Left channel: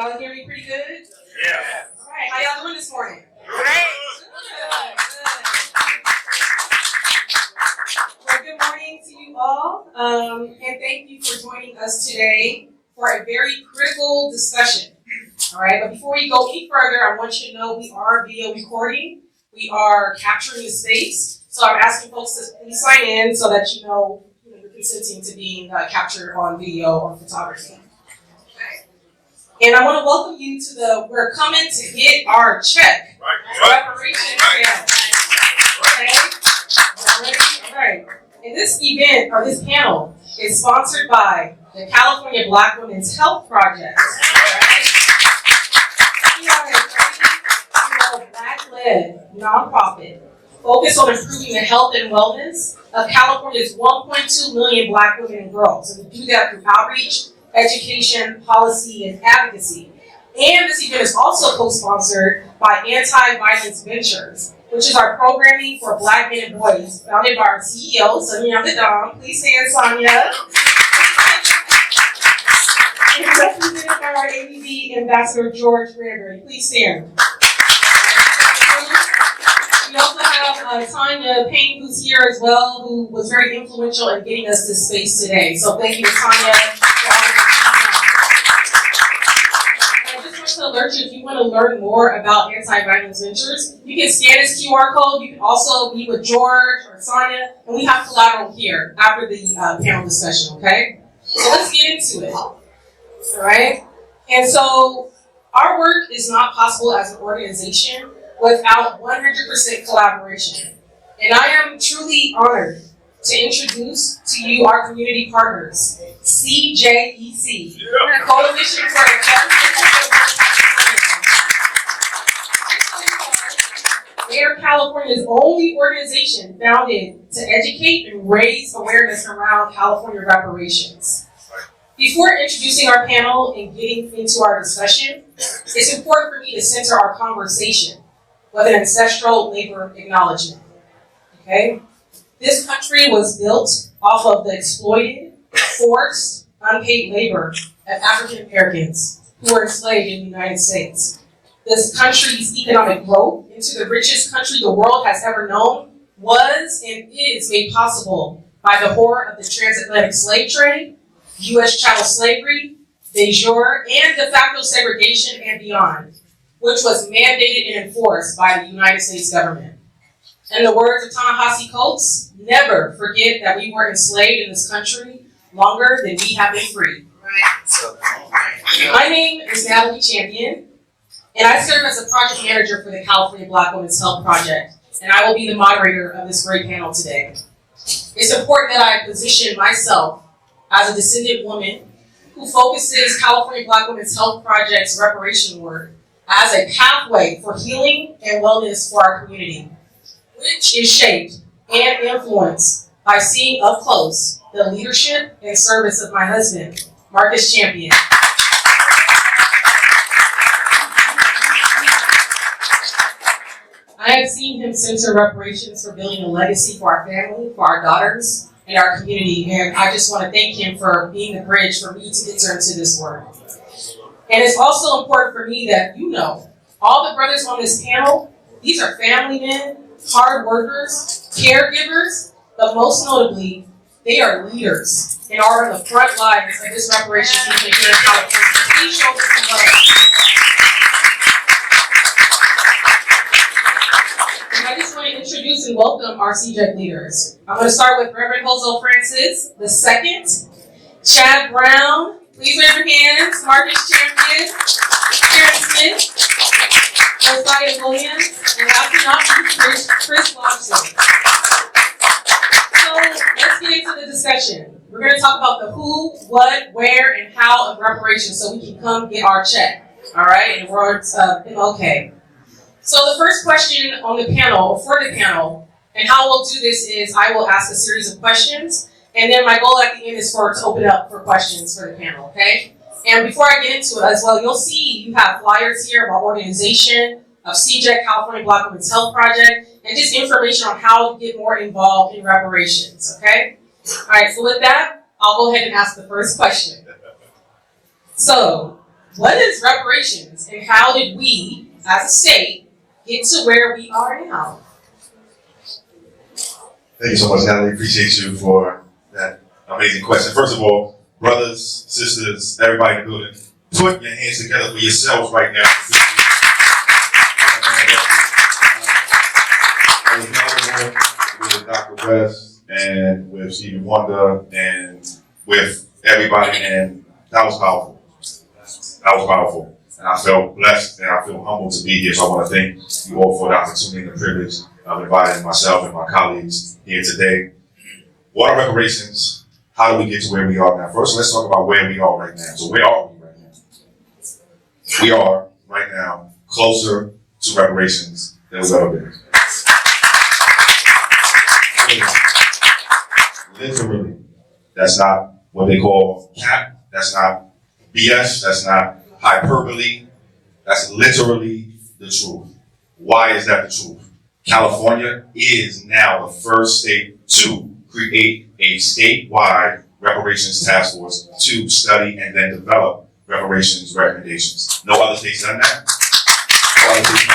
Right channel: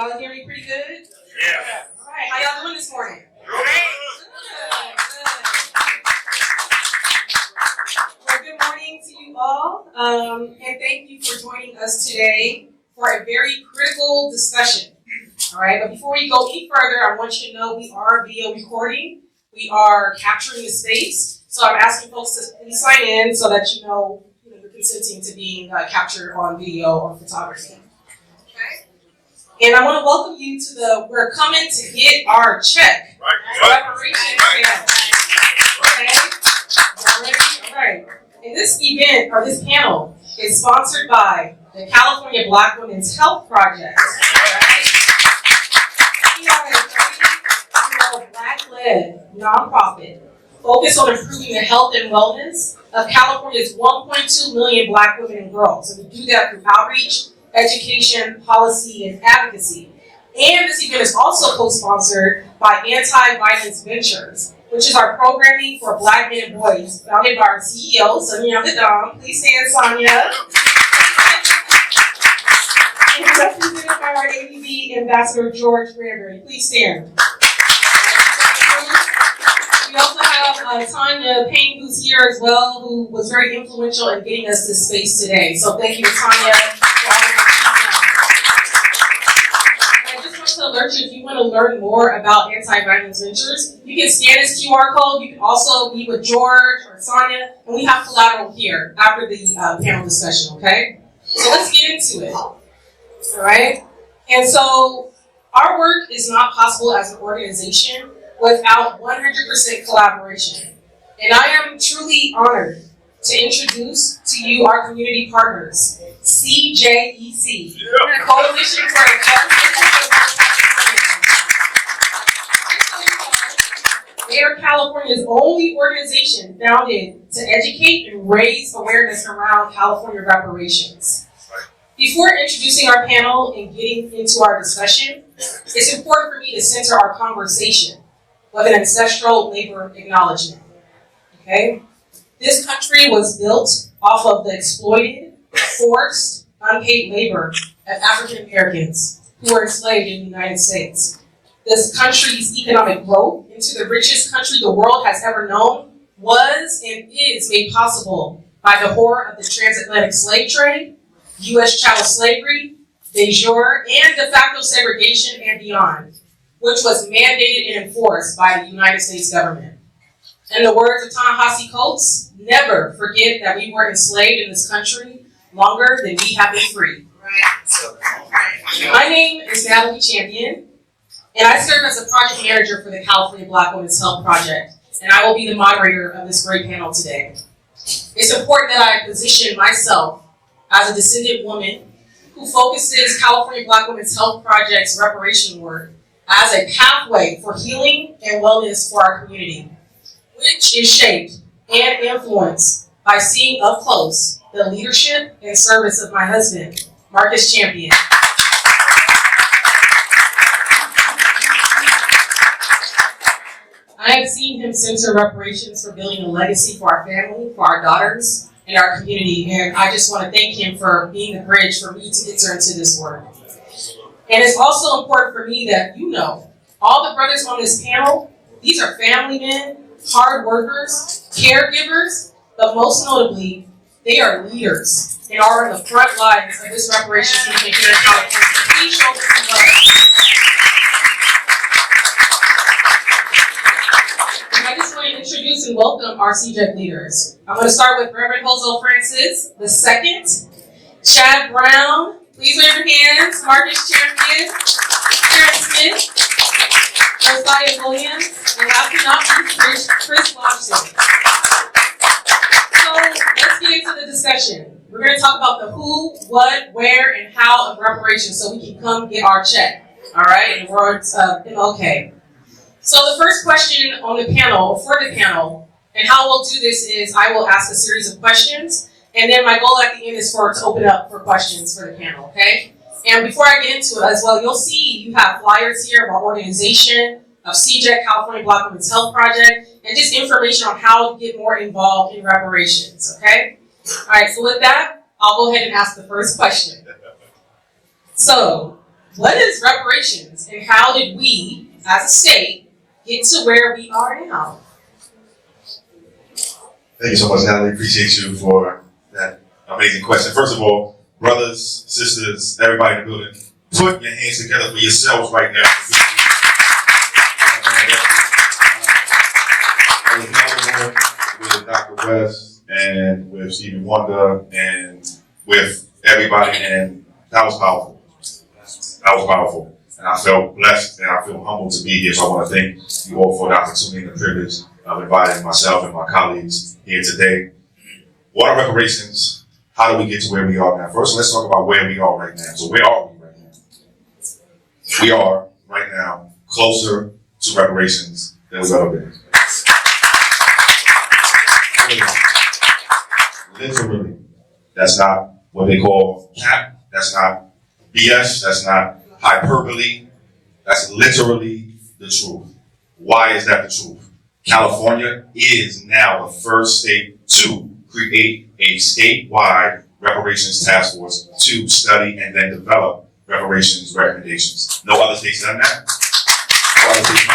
Y'all hear me pretty good? Yeah. All right, how y'all doing this morning? Well, good morning to you all, and thank you for joining us today for a very critical discussion. All right, but before we go any further, I want you to know we are video recording. We are capturing the space, so I'm asking folks to please sign in so that you know you're consenting to being captured on video or photography. And I want to welcome you to we're coming to get our check. Reparations. Okay. All right. And this event, or this panel, is sponsored by the California Black Women's Health Project. We are a Black-led nonprofit focused on improving the health and wellness of California's 1.2 million Black women and girls. And we do that through outreach, education, policy, and advocacy. And this event is also co-sponsored by Anti-Violence Ventures, which is our programming for Black men and boys, founded by our CEO, Sonia Vidal. Please stand, Sonia. And represented by our ABD Ambassador George Gregory. Please stand. We also have Tanya Payne, who's here as well, who was very influential in getting us this space today. So thank you to Tanya. If you want to learn more about Anti-Violence Ventures, you can scan this QR code. You can also meet with George or Sonia, and we have collateral here after the panel discussion, okay? So let's get into it, all right? And so our work is not possible as an organization without 100% collaboration. And I am truly honored to introduce to you our community partners, KJLH, Coalition for the Justice. They are California's only organization founded to educate and raise awareness around California reparations. Before introducing our panel and getting into our discussion, it's important for me to center our conversation with an ancestral labor acknowledgement. Okay? This country was built off of the exploited, forced, unpaid labor of African Americans who were enslaved in the United States. This country's economic growth into the richest country the world has ever known was and is made possible by the horror of the transatlantic slave trade, U.S. chattel slavery, de jure, and de facto segregation and beyond, which was mandated and enforced by the United States government. In the words of Ta-Nehisi Coates, never forget that we were enslaved in this country longer than we have been free. My name is Natalie Champion, and I serve as a project manager for the California Black Women's Health Project, and I will be the moderator of this great panel today. It's important that I position myself as a descendant woman who focuses California Black Women's Health Project's reparation work as a pathway for healing and wellness for our community, which is shaped and influenced by seeing up close the leadership and service of my husband, Marcus Champion. I have seen him center reparations for building a legacy for our family, for our daughters, and our community, and I just want to thank him for being the bridge for me to enter into this work. And it's also important for me that you know, all the brothers on this panel, these are family men, hard workers, caregivers, but most notably, they are leaders and are on the front lines of this reparations movement here in California. Please show them some love. I just want to introduce and welcome our CJEC leaders. I'm going to start with Reverend Jose Francis II, Chad Brown, please raise your hands, Marcus Champion, Karen Smith, Josiah Williams, and last but not least, Chris Lobson. So let's get into the discussion. We're going to talk about the who, what, where, and how of reparations so we can come get our check. All right? In words of MLK. So the first question on the panel, or for the panel, and how we'll do this is I will ask a series of questions, and then my goal at the end is to open up for questions for the panel, okay? And before I get into it as well, you'll see you have flyers here of our organization, of CJEC, California Black Women's Health Project, and just information on how to get more involved in reparations, okay? All right, so with that, I'll go ahead and ask the first question. So, What is reparations and how did we, as a state, get to where we are now? Thank you so much, Natalie. Appreciate you for that amazing question. First of all, brothers, sisters, everybody in the building, put your hands together for yourselves right now. With Dr. West and with Stephen Wonder and with everybody, and that was powerful. That was powerful. And I felt blessed and I feel humbled to be here. So I want to thank you all for the opportunity and the privilege of inviting myself and my colleagues here today. What are reparations? How do we get to where we are now? First, let's talk about where we are right now. So where are we right now? We are right now closer to reparations than we've ever been. Literally. That's not what they call cap. That's not BS. That's not hyperbole. That's literally the truth. Why is that the truth? California is now the first state to create a statewide reparations task force to study and then develop reparations recommendations. No other state's done that. No other state's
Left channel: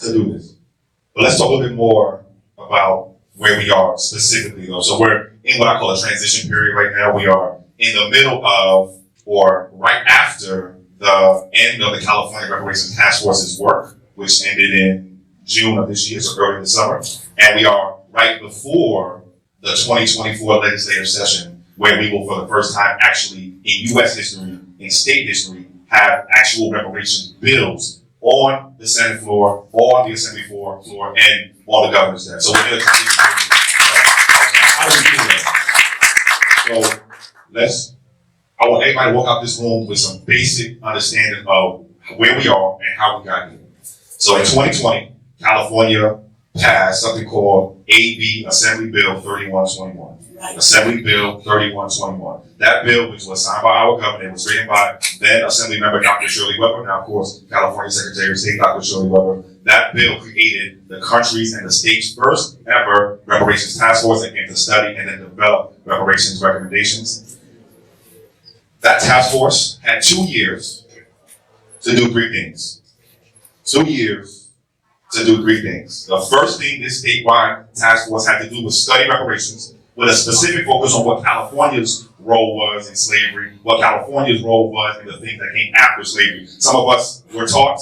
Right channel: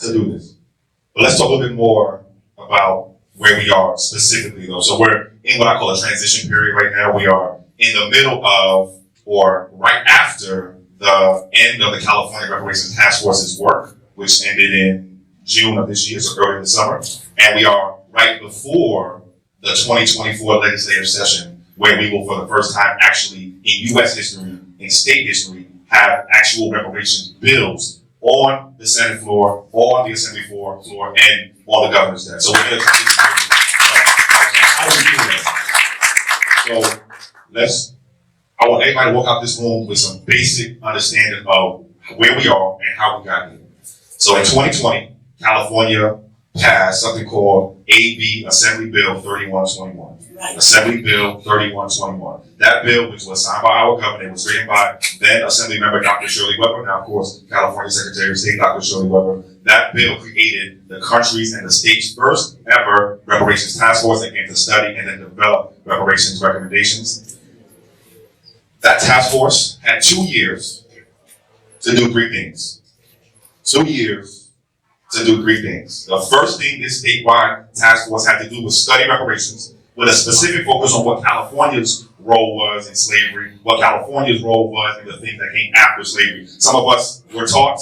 to do this. But let's talk a little bit more about where we are specifically though. So we're in what I call a transition period right now. We are in the middle of, or right after, the end of the California Reparations Task Force's work, which ended in June of this year, so early in the summer. And we are right before the 2024 legislative session, where we will, for the first time, actually, in U.S. history, in state history, have actual reparations bills on the Senate floor, on the Assembly floor, and on the governor's desk. So we're going to transition period. How do we do that? So let's. I want everybody to walk out this room with some basic understanding of where we are and how we got here. So in 2020, California passed something called AB Assembly Bill 3121. Assembly Bill 3121. That bill, which was signed by our governor, was written by then Assembly Member Dr. Shirley Weber, now of course California Secretary of State Dr. Shirley Weber. That bill created the country's and the state's first ever reparations task force that came to study and then develop reparations recommendations. That task force had 2 years to do 3 things. 2 years to do 3 things. The first thing this statewide task force had to do was study reparations with a specific focus on what California's role was in slavery, what California's role was in the things that came after slavery. Some of us were taught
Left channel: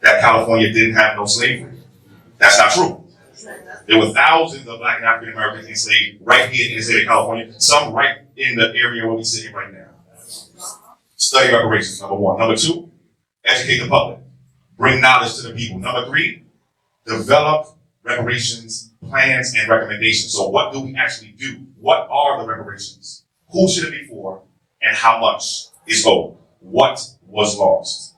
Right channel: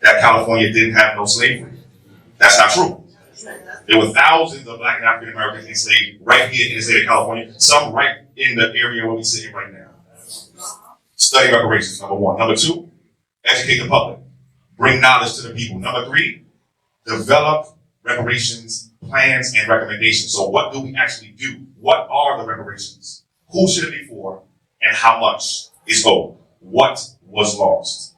that California didn't have no slavery. That's not true. There were thousands of Black and African Americans enslaved right here in the state of California, some right in the area where we're sitting right now. Study reparations, number 1. Number 2, educate the public. Bring knowledge to the people. Number 3, develop reparations plans and recommendations. So what do we actually do? What are the reparations? Who should it be for? And how much is owed? What was lost?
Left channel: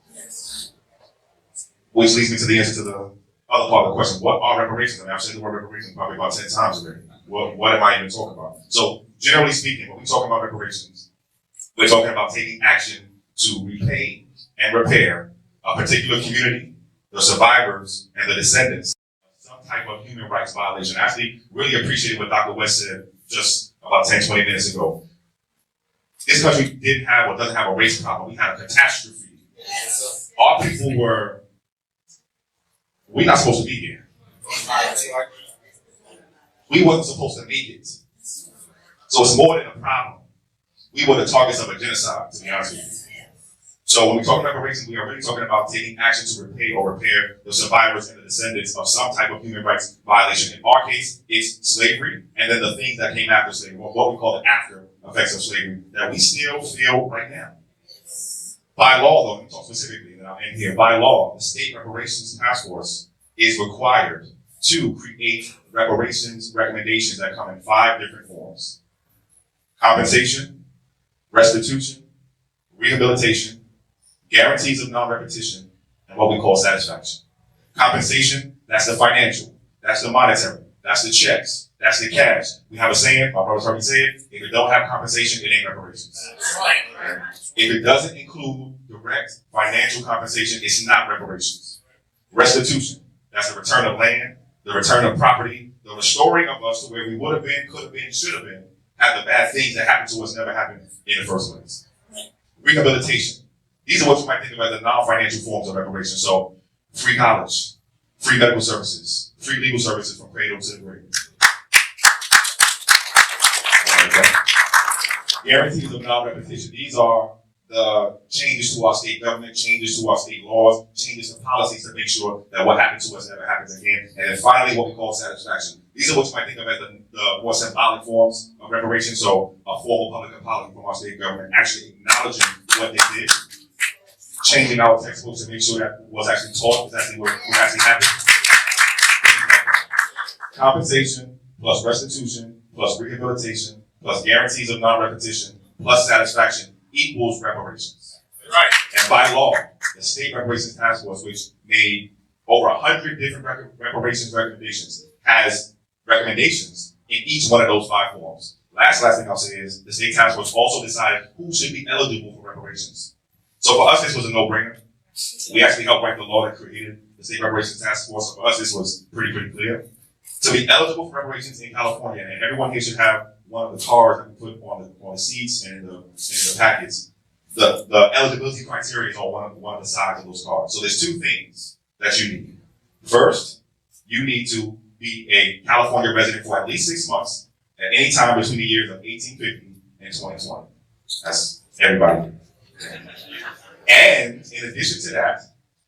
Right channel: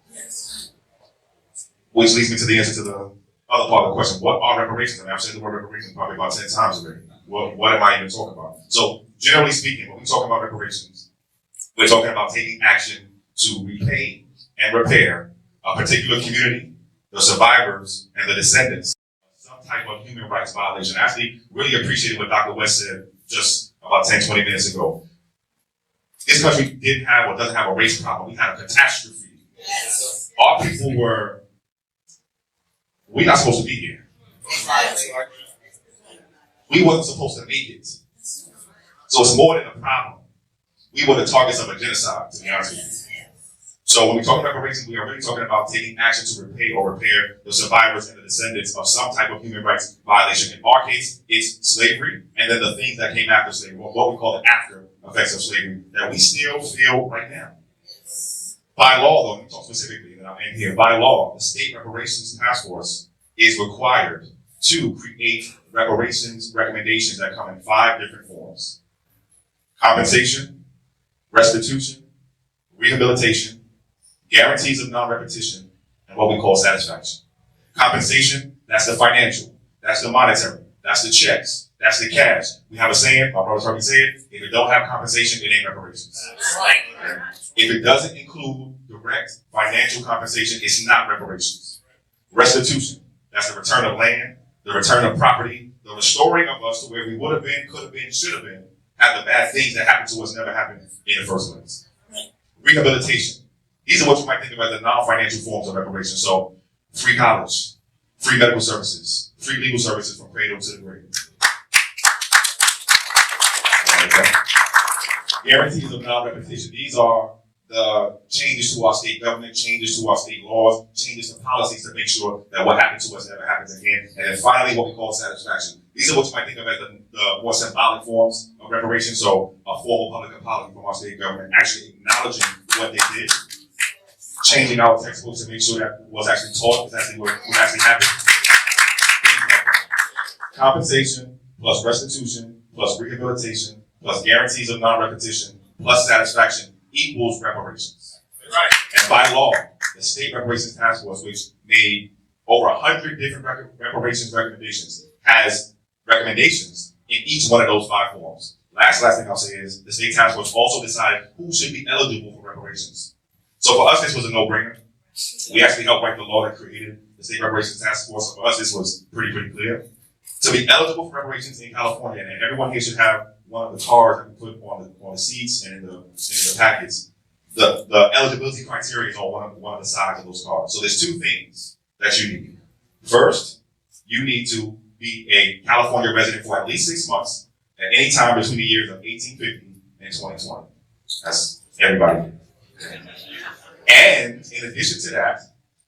Which leads me to the answer to the other part of the question. What are reparations? I mean, I've said the word reparations probably about 10 times already. What am I even talking about? So generally speaking, when we talk about reparations, we're talking about taking action to repay and repair a particular community, the survivors and the descendants of some type of human rights violation. I actually really appreciated what Dr. West said just about 10, 20 minutes ago. This country didn't have or doesn't have a race problem. We had a catastrophe. Yes. Our people we're not supposed to be here. We wasn't supposed to make it. So it's more than a problem. We were the targets of a genocide, to be honest with you. So when we talk about reparations, we are really talking about taking action to repay or repair the survivors and the descendants of some type of human rights violation. In our case, it's slavery, and then the things that came after slavery, or what we call the after effects of slavery, that we still feel right now. By law, though, let me talk specifically, and I'll end here. By law, the State Reparations Task Force is required to create reparations recommendations that come in 5 different forms: compensation, restitution, rehabilitation, guarantees of non-repetition, and what we call satisfaction. Compensation, that's the financial, that's the monetary, that's the checks, that's the cash. We have a saying, my brother's already saying, if you don't have compensation, it ain't reparations. Right. If it doesn't include direct financial compensation, it's not reparations. Restitution, that's the return of land, the return of property, the restoring of us to where we would have been, could have been, should have been, have the bad things that happen to us never happen in the first place. Rehabilitation. These are what you might think of as the non-financial forms of reparation. So, free college, free medical services, free legal services from cradle to grave. Guarantees of non-repetition. These are the changes to our state government, changes to our state laws, changes to policies to make sure that what happened to us never happens again. And then finally, what we call satisfaction. These are what you might think of as the more symbolic forms of reparation. So a formal public apology from our state government actually acknowledging what they did, changing our textbooks to make sure that was actually taught, what actually happened. Compensation plus restitution plus rehabilitation plus guarantees of non-repetition plus satisfaction equals reparations. Right. And by law, the State Reparations Task Force, which made over 100 different reparations recommendations, has recommendations in each one of those 5 forms. Last thing I'll say is the State Task Force also decided who should be eligible for reparations. So for us, this was a no-brainer. We actually helped write the law that created the State Reparations Task Force. So for us, this was pretty clear. To be eligible for reparations in California, and everyone here should have one of the cards that we put on the seats and the packets. The eligibility criteria is on one of the sides of those cards. So there's 2 things that you need. First, you need to be a California resident for at least 6 months at any time between the years of 1850 and 2020. That's everybody. And in addition to that,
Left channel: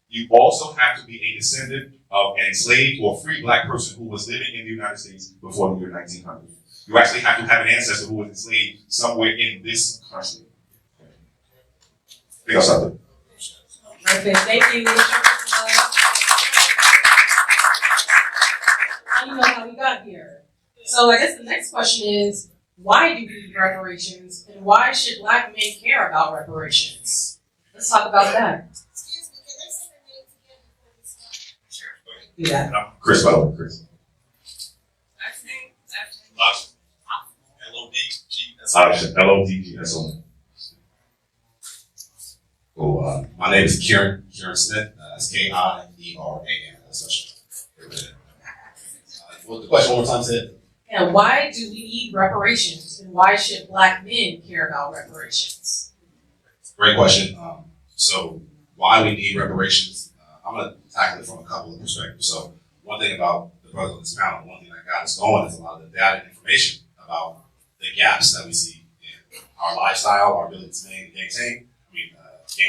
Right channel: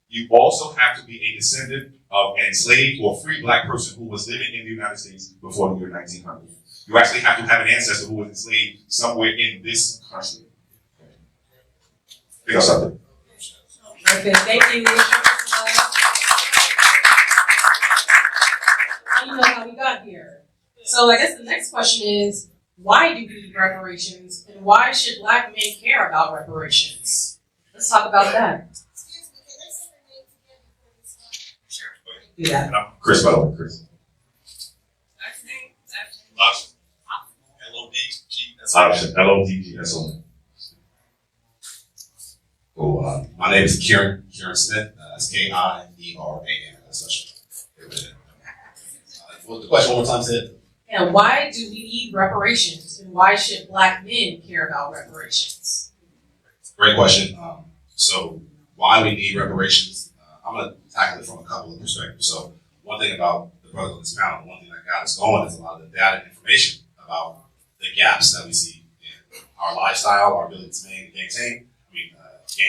you also have to be a descendant of an enslaved or free black person who was living in the United States before the year 1900. You actually have to have an ancestor who was enslaved somewhere in this country. I think I'll stop there. Okay, thank you. I don't know how we got here. So I guess the next question is, why do we need reparations, and why should Black men care about reparations? Let's talk about that. Yeah. Chris, by the way, Chris. LODG, that's on. Cool. My name is Karen Smith. That's K-I-E-R-A-N. That's what the question one more time said? And why do we need reparations, and why should Black men care about reparations? Great question. So why we need reparations? I'm going to tackle it from a couple of perspectives. So one thing about the president's panel, one thing that got us going is a lot of the data and information about the gaps that we see in our lifestyle, our ability to gain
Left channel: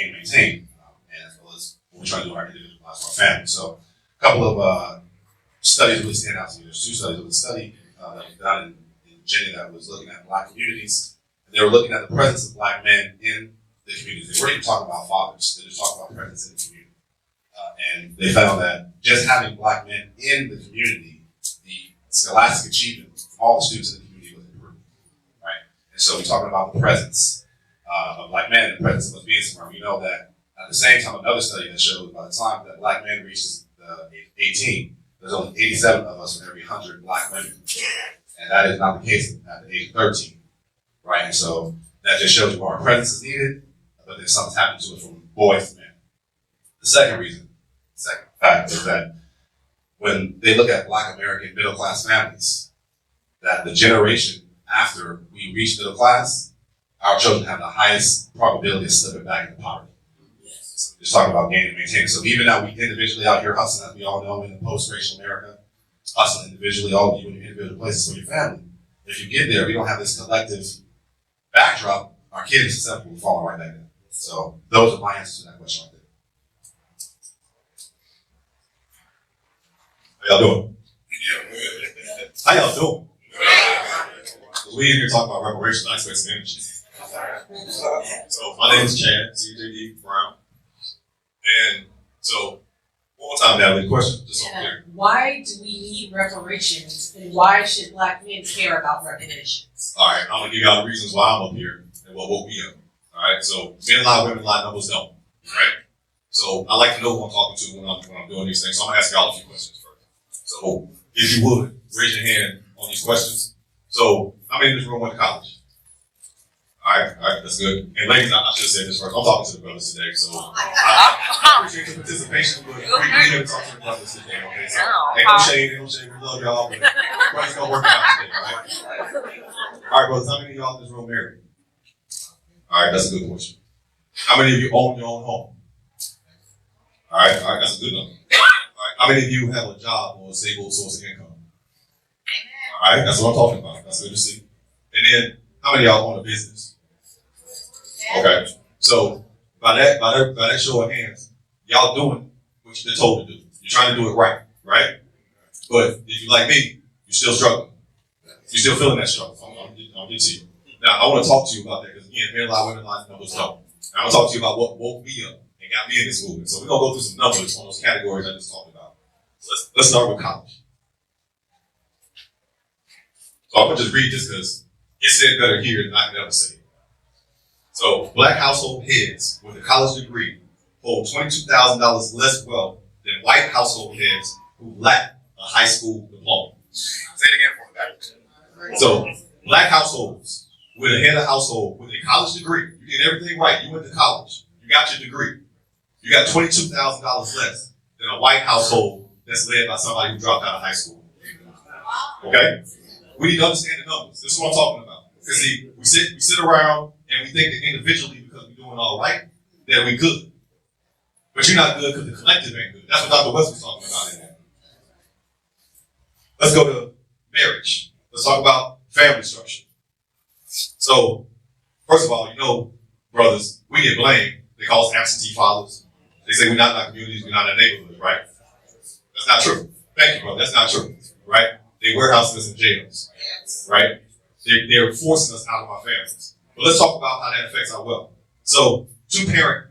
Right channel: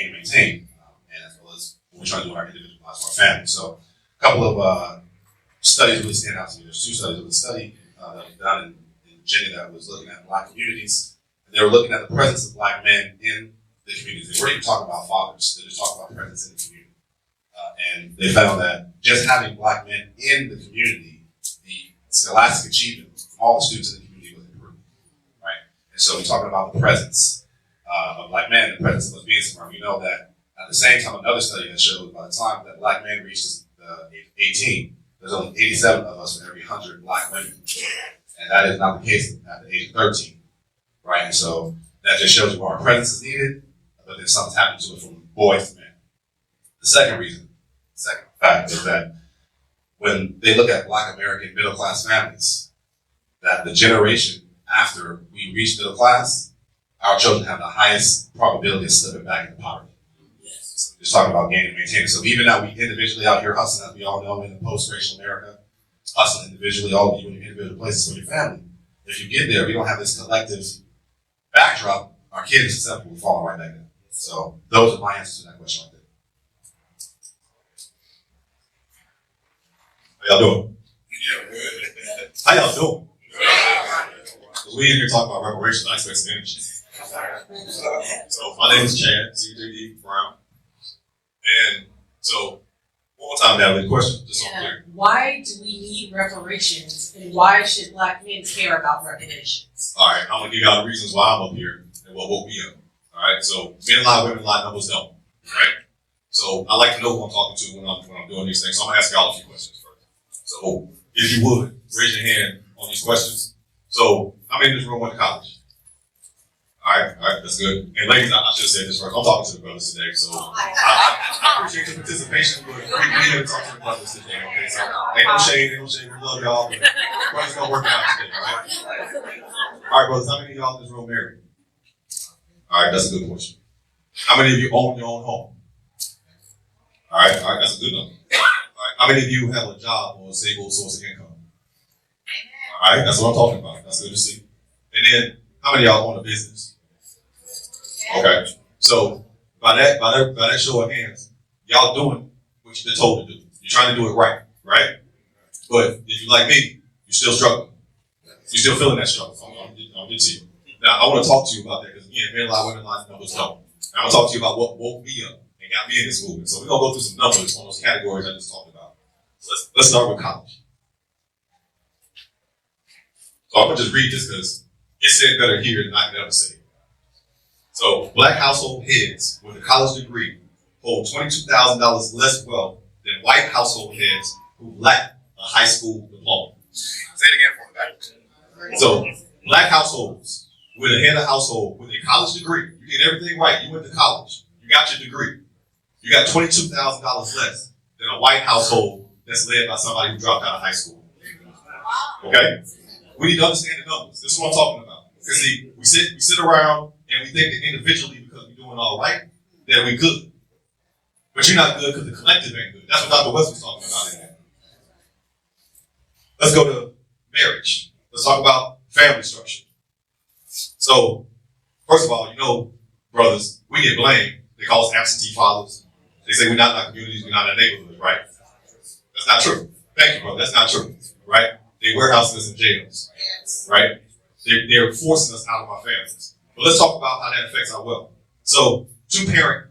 and retain, and as well as when we try to do our individual lives, our family. So a couple of studies really stand out to me. There's 2 studies. There was a study that was done in Virginia that was looking at Black communities. And they were looking at the presence of Black men in the communities. They weren't even talking about fathers. They just talked about the presence in the community. And they found that just having Black men in the community, the scholastic achievement of all the students in the community was improved, right? And so we're talking about the presence of Black men, the presence of being somewhere. We know that at the same time, another study that showed by the time that Black men reached age 18, there's only 87 of us for every 100 Black women. And that is not the case at the age of 13, right? And so that just shows you our presence is needed, but then something's happening to us from boys to men. The second factor is that when they look at Black American middle class families, that the generation after we reach middle class, our children have the highest probability of slipping back into poverty. So just talking about gaining and maintaining. So even now we individually out here hustling, as we all know in the post-racial America, hustling individually, all of you in your individual places for your family. If you get there, we don't have this collective backdrop, our kids are susceptible to falling right back in. So those are my answers to that question right there. How y'all doing? How y'all doing? We in here talking about reparations, I expect Spanish. So my name is Chad, CJD Brown. And so one more time, Natalie, the question, just so clear. Why do we need reparations, and why should Black men care about reparations? All right, I'm gonna give y'all the reasons why I'm up here and what woke me up. All right, so men lie, women lie, numbers help. Right? So I like to know who I'm talking to when I'm doing these things. So I'm gonna ask y'all a few questions first. So if you would, raise your hand on these questions. So I'm in this room, went to college. All right, that's good. And ladies, I should have said this first. I'm talking to the brothers today, so I appreciate the participation, but we're here to talk to the brothers today, okay? So ain't no shade, we love y'all, but brothers gonna work out today, all right? All right, brothers, how many of y'all in this room married? All right, that's a good question. How many of you own your own home? All right, that's a good number. All right, how many of you have a job or a stable source of income? All right, that's what I'm talking about. That's good to see. And then, how many of y'all own a business? Okay, so by that show of hands, y'all doing what you've been told to do. You're trying to do it right? But if you're like me, you're still struggling. You're still feeling that struggle. I'll get to you. Now, I want to talk to you about that because again, men lie, women lie, numbers don't. I'm going to talk to you about what woke me up and got me in this movement. So we're going to go through some numbers on those categories I just talked about. So let's start with college. So I'm going to just read this because it's said better here than I can ever say it. So black household heads with a college degree hold $22,000 less wealth than white household heads who lack a high school diploma. Say it again for me. So black households with a head of household with a college degree, you did everything right. You went to college. You got your degree. You got $22,000 less than a white household that's led by somebody who dropped out of high school. Okay? We need to understand the numbers. This is what I'm talking about. Because see, we sit around and we think that individually, because we're doing all right, that we're good. But you're not good because the collective ain't good. That's what Dr. Wesley's talking about in there. Let's go to marriage. Let's talk about family structure. So, first of all, you know, brothers, we get blamed. They call us absentee fathers. They say we're not in our communities, we're not in our neighborhoods, right? That's not true. Thank you, brother. That's not true, right? They warehouse us in jails, right? They're forcing us out of our families. But let's talk about how that affects our wealth. So, two-parent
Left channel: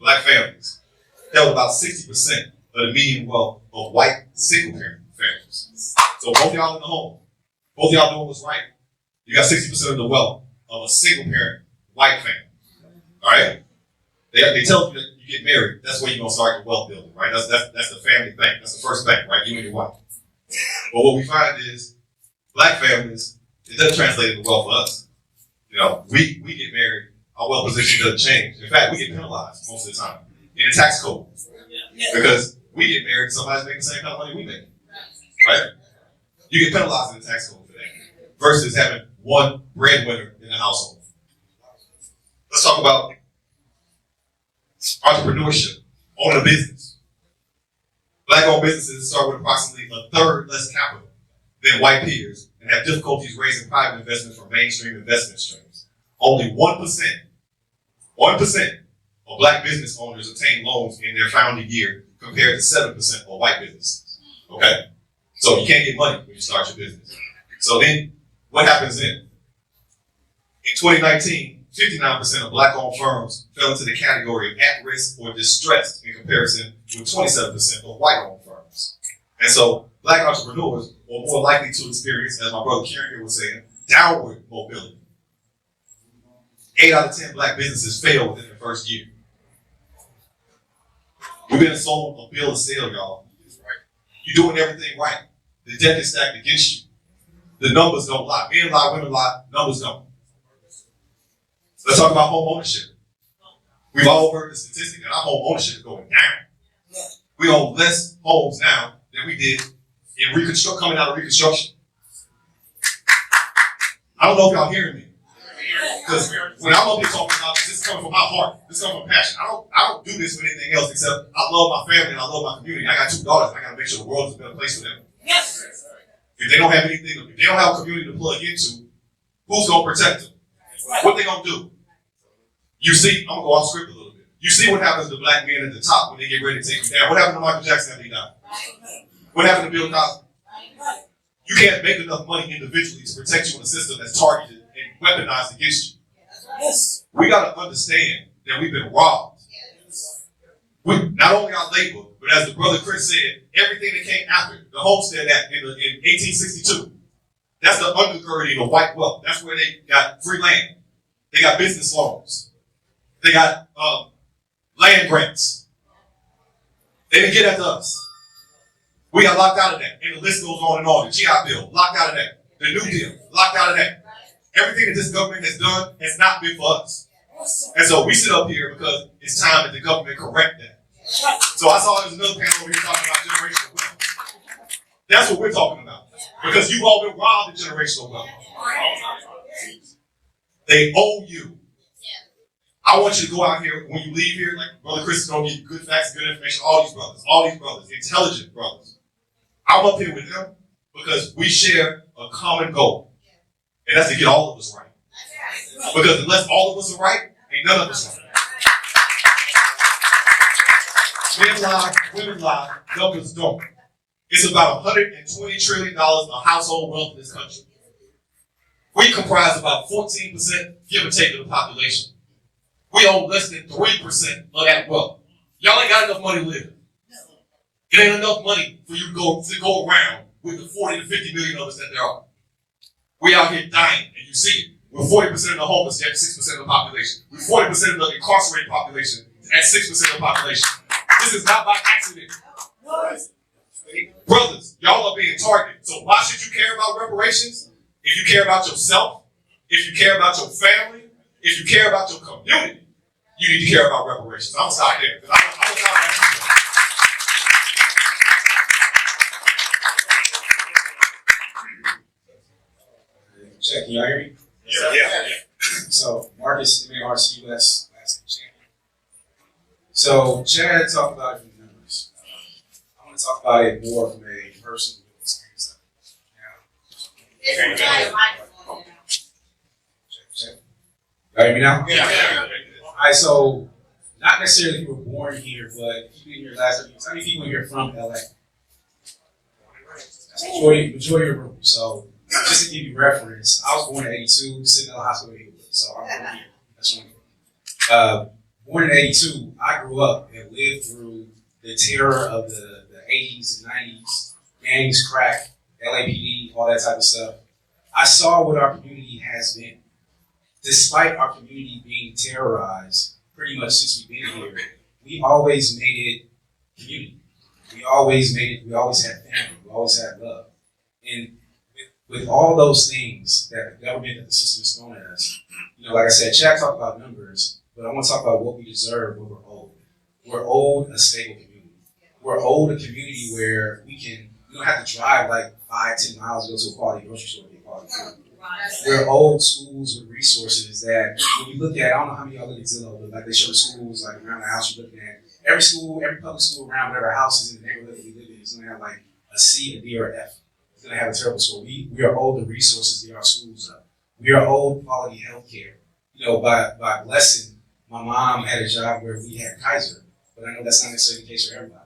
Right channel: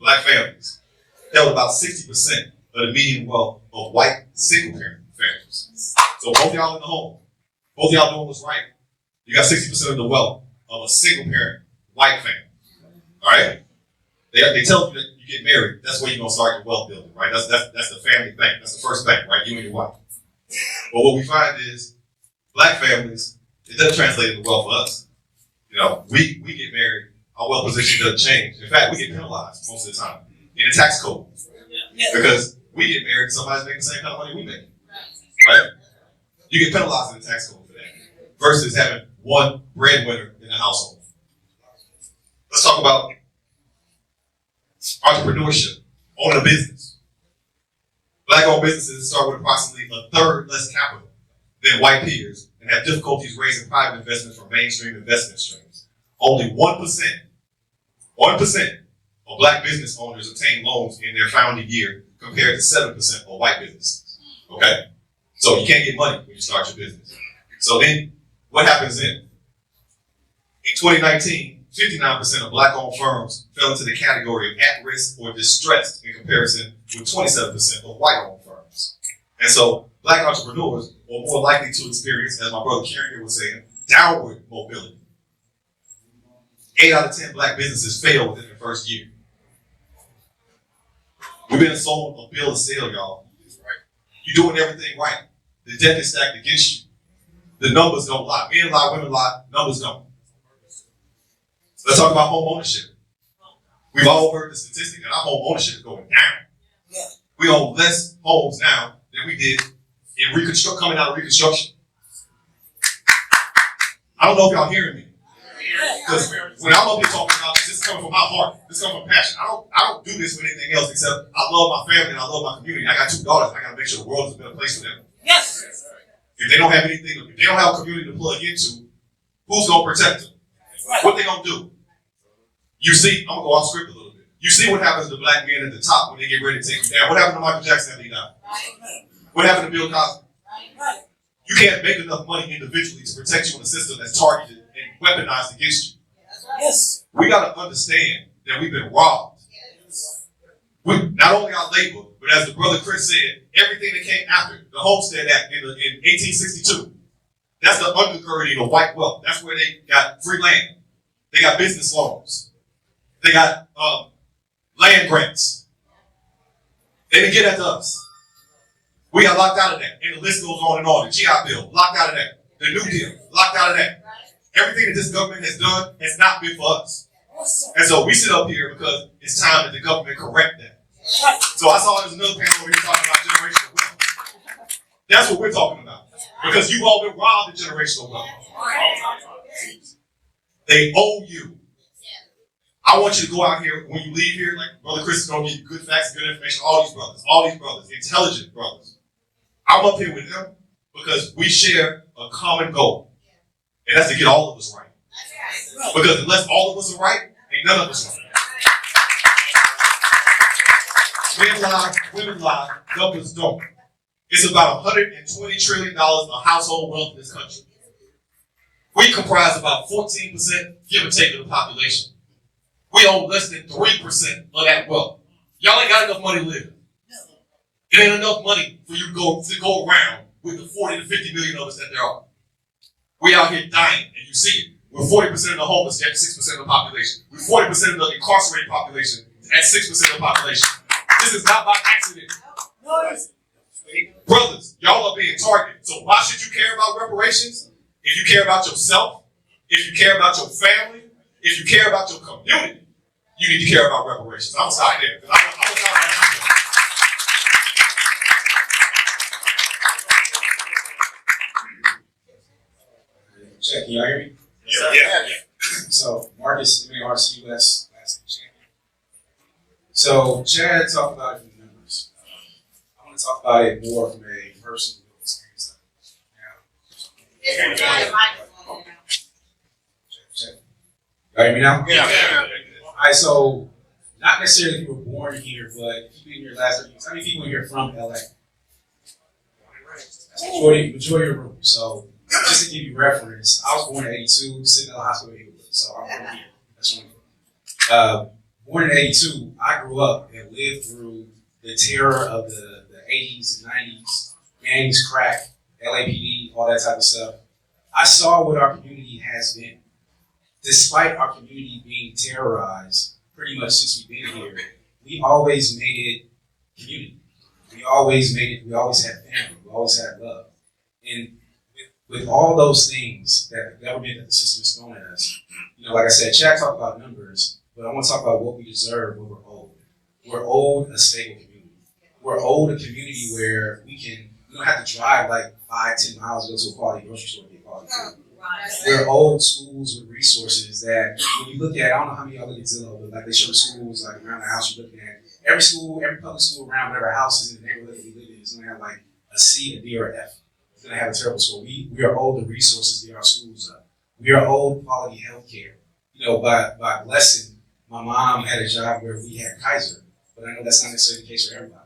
black families held about 60% of the median wealth of white single-parent families. So both y'all in the home, both y'all doing what's right. You got 60% of the wealth of a single-parent white family. All right? They tell you that you get married, that's where you're going to start your wealth building, right? That's the family bank. That's the first bank, right? You and your wife. But what we find is black families, it doesn't translate into wealth for us. You know, we get married, our wealth position doesn't change. In fact, we get penalized most of the time in the tax code. Because we get married, somebody's making the same kind of money we make. Right? You get penalized in the tax code for that. Versus having one breadwinner in the household. Let's talk about entrepreneurship, owning a business. Black-owned businesses start with approximately a third less capital than white peers and have difficulties raising private investment from mainstream investment streams. Only 1% of black business owners obtain loans in their founding year compared to 7% of white businesses. Okay? So you can't get money when you start your business. So then, what happens then? In 2019, 59% of black-owned firms fell into the category of at-risk or distressed in comparison with 27% of white-owned firms. And so, black entrepreneurs are more likely to experience, as my brother Kieran here was saying, downward mobility. 8 out of 10 black businesses fail within the first year. You've been sold a bill of sale, y'all. Right? You're doing everything right. The deck is stacked against you. The numbers don't lie. Men lie, women lie, numbers don't. Let's talk about home ownership. We've all heard the statistic that our home ownership is going down. We own less homes now than we did in coming out of Reconstruction. I don't know if y'all hearing me. Because when I love talking about this is coming from my heart. This is coming from passion. I don't do this for anything else except I love my family and I love my community. I got 2 daughters. I got to make sure the world is a better place for them. Yes. If they don't have anything, if they don't have a community to plug into, who's going to protect them? What they going to do? You see, I'm going to go off script a little bit. You see what happens to black men at the top when they get ready to take them down. What happened to Michael Jackson after he died? What happened to Bill Cosby? You can't make enough money individually to protect you in a system that's targeted and weaponized against you. Yes. We got to understand that we've been robbed. With not only our labor, but as the brother Chris said, everything that came after the Homestead Act in 1862. That's the undergirding of white wealth. That's where they got free land. They got business loans. They got land grants. They didn't get that to us. We got locked out of that. And the list goes on and on. The GI Bill, locked out of that. The New Deal, locked out of that. Everything that this government has done has not been for us. And so we sit up here because it's time that the government correct that. So I saw there's another panel where he's talking about generational wealth. That's what we're talking about. Because you've all been robbed of generational wealth. They owe you. I want you to go out here, when you leave here, like Brother Chris is going to give you good facts, good information, all these brothers, intelligent brothers. I'm up here with them because we share a common goal. And that's to get all of us right. Because unless all of us are right, ain't none of us right. Men lie, women lie, numbers don't. It's about $120 trillion of household wealth in this country. We comprise about 14%, give or take, of the population. We own less than 3% of that wealth. Y'all ain't got enough money to live. It ain't enough money for you to go around with the 40 to 50 million of us that there are. We out here dying, and you see it. We're 40% of the homeless, yet 6% of the population. We're 40% of the incarcerated population, at 6% of the population. This is not by accident. Brothers, y'all are being targeted. So why should you care about reparations? If you care about yourself, if you care about your family, if you care about your community, you need to care about reparations. I'm gonna stop there. I'm gonna stop right now. Check, can y'all hear me? Yeah. So, Marcus, MARC, US, champion. So, Chad talked about it from the numbers. I'm going to talk about it more from a personal experience. Check. Y'all hear me now? Yeah. Alright, so, not necessarily if you were born here, but if you've been here last 3 years, how many people here from LA? That's the majority of the room. So, just to give you reference, I was born in 82, sitting in the hospital here. So I'm from here. That's where born in 82, I grew up and lived through the terror of the 80s and 90s, gangs, crack, LAPD, all that type of stuff. I saw what our community has been. Despite our community being terrorized pretty much since we've been here, we always made it community. We always had family. We always had love. And with all those things that the government and the system is throwing at us, like I said, Chad talked about numbers, but I want to talk about what we deserve, what we're owed. We're owed a stable community. We're owed a community where we don't have to drive like 5-10 miles to go to a quality grocery store to get quality food. We're owed schools with resources that when you look at, I don't know how many other Zillow, but like they show the schools like around the house you're looking at. Every public school around whatever house is in the neighborhood that you live in is going to have like a C, a D, or an F. It's going to have a terrible school. We are owed the resources to get our schools up. We are owed quality health care. By blessing, my mom had a job where we had Kaiser, but I know that's not necessarily the case for everybody.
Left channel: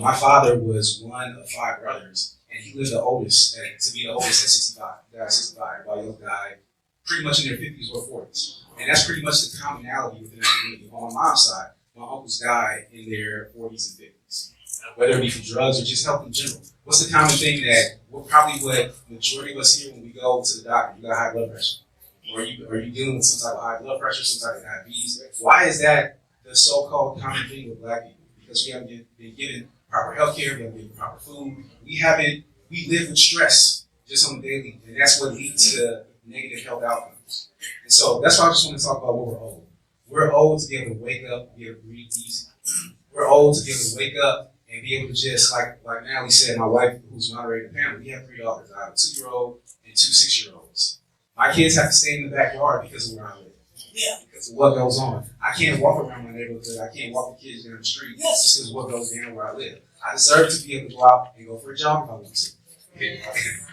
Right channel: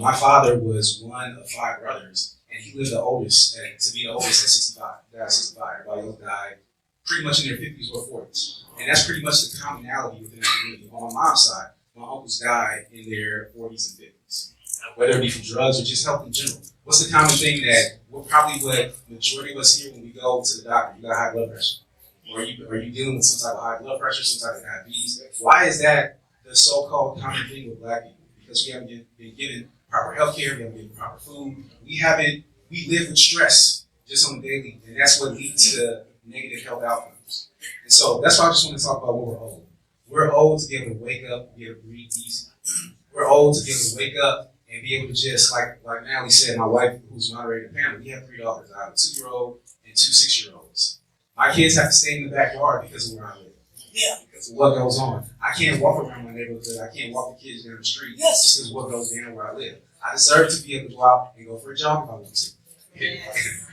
My father was one of 5 brothers, and he was the oldest, to be the oldest at 65. He died at 65. Everybody else died pretty much in their 50s or 40s. And that's pretty much the commonality within the community. On my mom's side, my uncles died in their 40s and 50s, whether it be for drugs or just health in general. What's the common thing that probably what the majority of us here when we go to the doctor, you got high blood pressure? Are you dealing with some type of high blood pressure, some type of diabetes? Why is that the so-called common thing with Black people? Because we haven't been given proper health care, we haven't been given proper food. We live with stress just on the daily, and that's what leads to negative health outcomes. And so that's why I just want to talk about what we're owed. We're owed to be able to wake up, be able to breathe easy. We're owed to be able to wake up and be able to just, like Natalie said, my wife, who's moderating the family, we have 3 daughters. I have a 2-year-old and 2 6-year-olds. My kids have to stay in the backyard because of where I live. Yeah. Because of what goes on. I can't walk around my neighborhood. I can't walk the kids down the street just because of what goes down where I live. I deserve to be able to go out and go for a jog if I want to.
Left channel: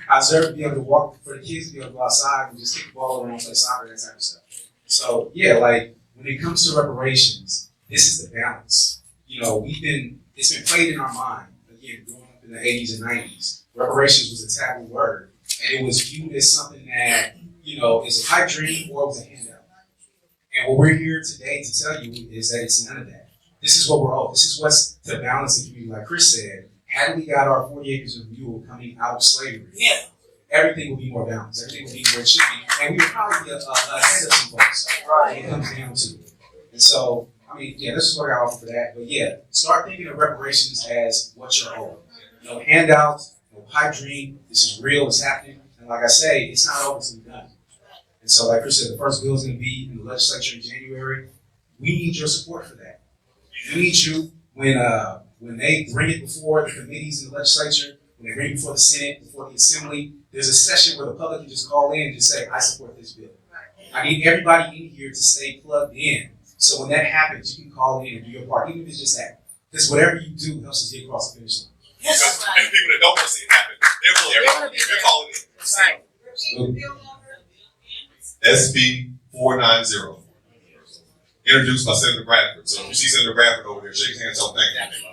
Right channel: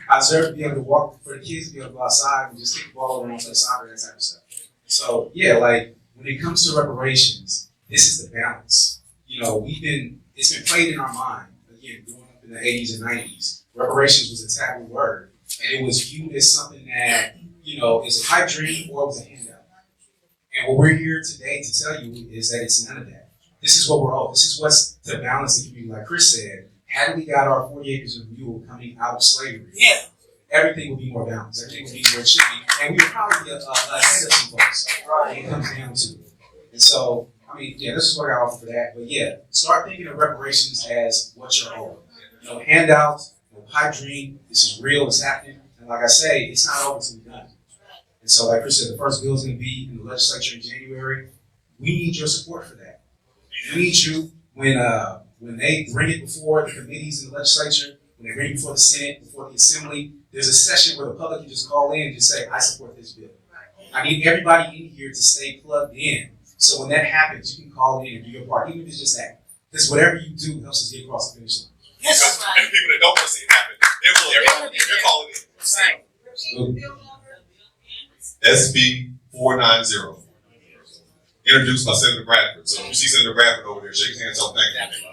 I deserve to be able to walk for the kids to be able to go outside and just kick the ball around for the soccer and that type of stuff. So, when it comes to reparations, this is the balance. It's been played in our mind, again, growing up in the 80s and 90s. Reparations was a taboo word, and it was viewed as something that, is a pipe dream or it was a handout. And what we're here today to tell you is that it's none of that. This is what we're owed. This is what's to balance the community. Like Chris said, had we got our 40 acres of mule coming out of slavery, everything would be more balanced. Everything would be where it should be. And we'd probably be ahead of some folks. It comes down to. And so, this is what I offer for that. But start thinking of reparations as what you're owed. No handouts, no pipe dream. This is real, it's happening. And like I say, it's not over until we're done. And so, like Chris said, the first bill is going to be in the legislature in January. We need your support for that. We need you when they bring it before the committees in the legislature, when they bring it before the Senate, before the Assembly, there's a session where the public can just call in and just say, I support this bill. I need everybody in here to stay plugged in. So when that happens, you can call in and do your part, even if it's just that. Because whatever you do helps us get across the finish line. Because and people that don't want to see it happen, they're calling it. SB 490. Introduced by Senator Bradford. So if you see Senator Bradford over there, shake his hand, tell him thank you.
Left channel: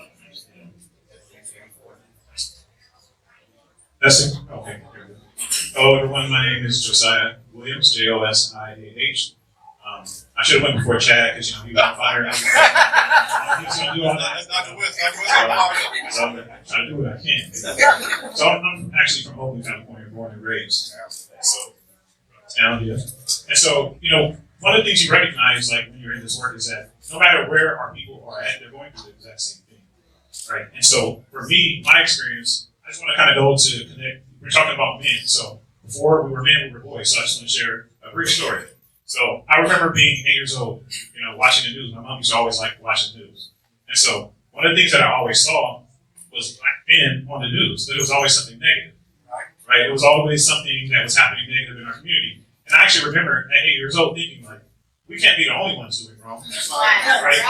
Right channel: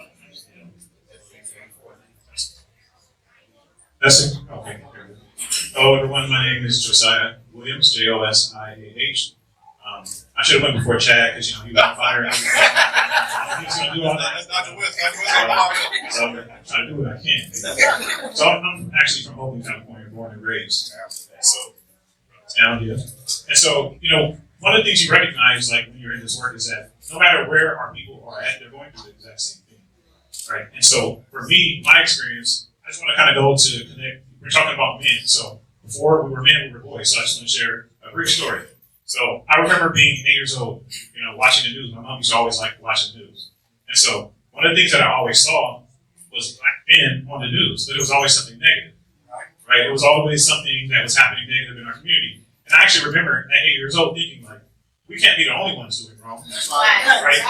This is, okay. Hello everyone, my name is Josiah Williams, Josiah. I should have went before Chad, because you got fired. So I'm trying to do what I can. So I'm actually from Oakland, California, born and raised. So, town here. And so, one of the things you recognize, like when you're in this work, is that no matter where our people are at, they're going through the exact same thing, right? And so, for me, my experience, I just want to kind of go to connect. We're talking about men. So before we were men, we were boys. So I just want to share a brief story. So I remember being 8 years old, watching the news. My mom used to always like watching the news. And so one of the things that I always saw was black men on the news, but it was always something negative, right? It was always something that was happening negative in our community. And I actually remember at 8 years old thinking, like, we can't be the only ones doing wrong, right?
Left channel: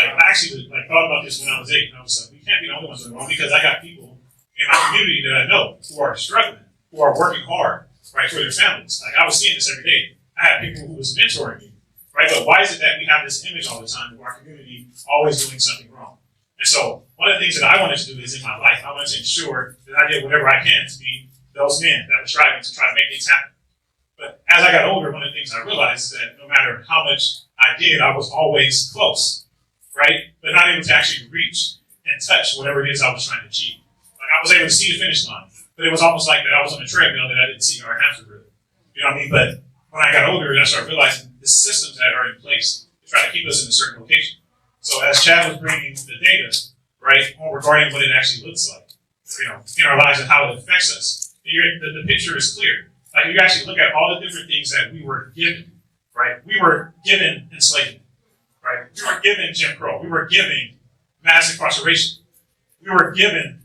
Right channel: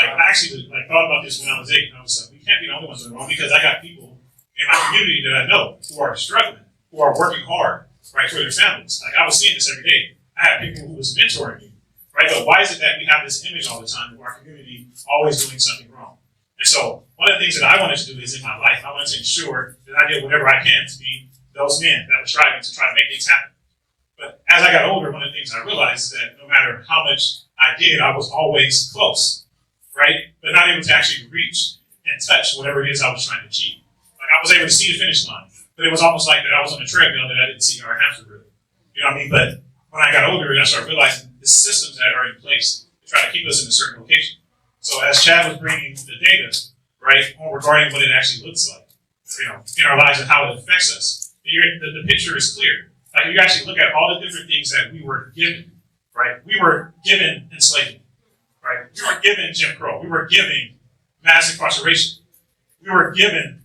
Like, I actually thought about this when I was 8, and I was like, we can't be the only ones doing wrong, because I got people in my community that I know who are struggling, who are working hard, right, for their families. Like, I was seeing this every day. I had people who was mentoring me, right? But why is it that we have this image all the time of our community always doing something wrong? And so one of the things that I wanted to do is in my life, I wanted to ensure that I did whatever I can to be those men that were striving to try to make things happen. But as I got older, one of the things I realized is that no matter how much I did, I was always close, right? But not able to actually reach and touch whatever it is I was trying to achieve. Like, I was able to see the finish line, but it was almost like that I was on a treadmill that I didn't see our hamster wheel. You know what I mean? But when I got older, I started realizing the systems that are in place to try to keep us in a certain location. So as Chad was bringing the data, right, regarding what it actually looks like, in our lives and how it affects us, the picture is clear. Like, you actually look at all the different things that we were given, right? We were given enslavement, right? We were given Jim Crow. We were given mass incarceration. We were given,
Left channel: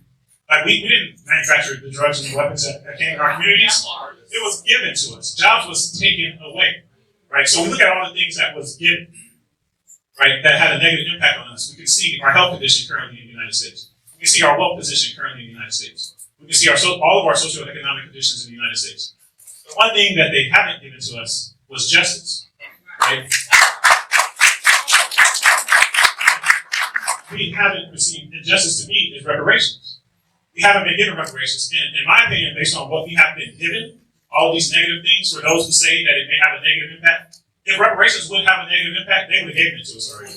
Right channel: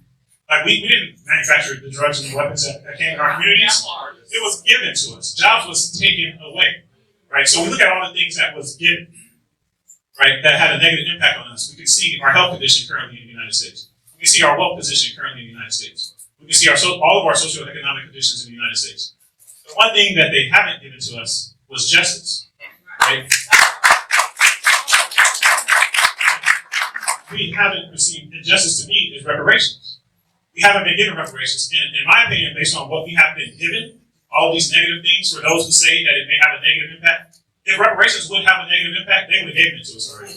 like, we didn't manufacture the drugs and the weapons that came in our communities. It was given to us. Jobs was taken away, right? So we look at all the things that was given, right, that had a negative impact on us. We can see our health condition currently in the United States. We can see our wealth position currently in the United States. We can see all of our socioeconomic conditions in the United States. The one thing that they haven't given to us was justice, right? We haven't received, and justice to me is reparations. We haven't been given reparations. And in my opinion, based on what we have been given, all these negative things, for those who say that it may have a negative impact, if reparations would have a negative impact, they would have given it to us already.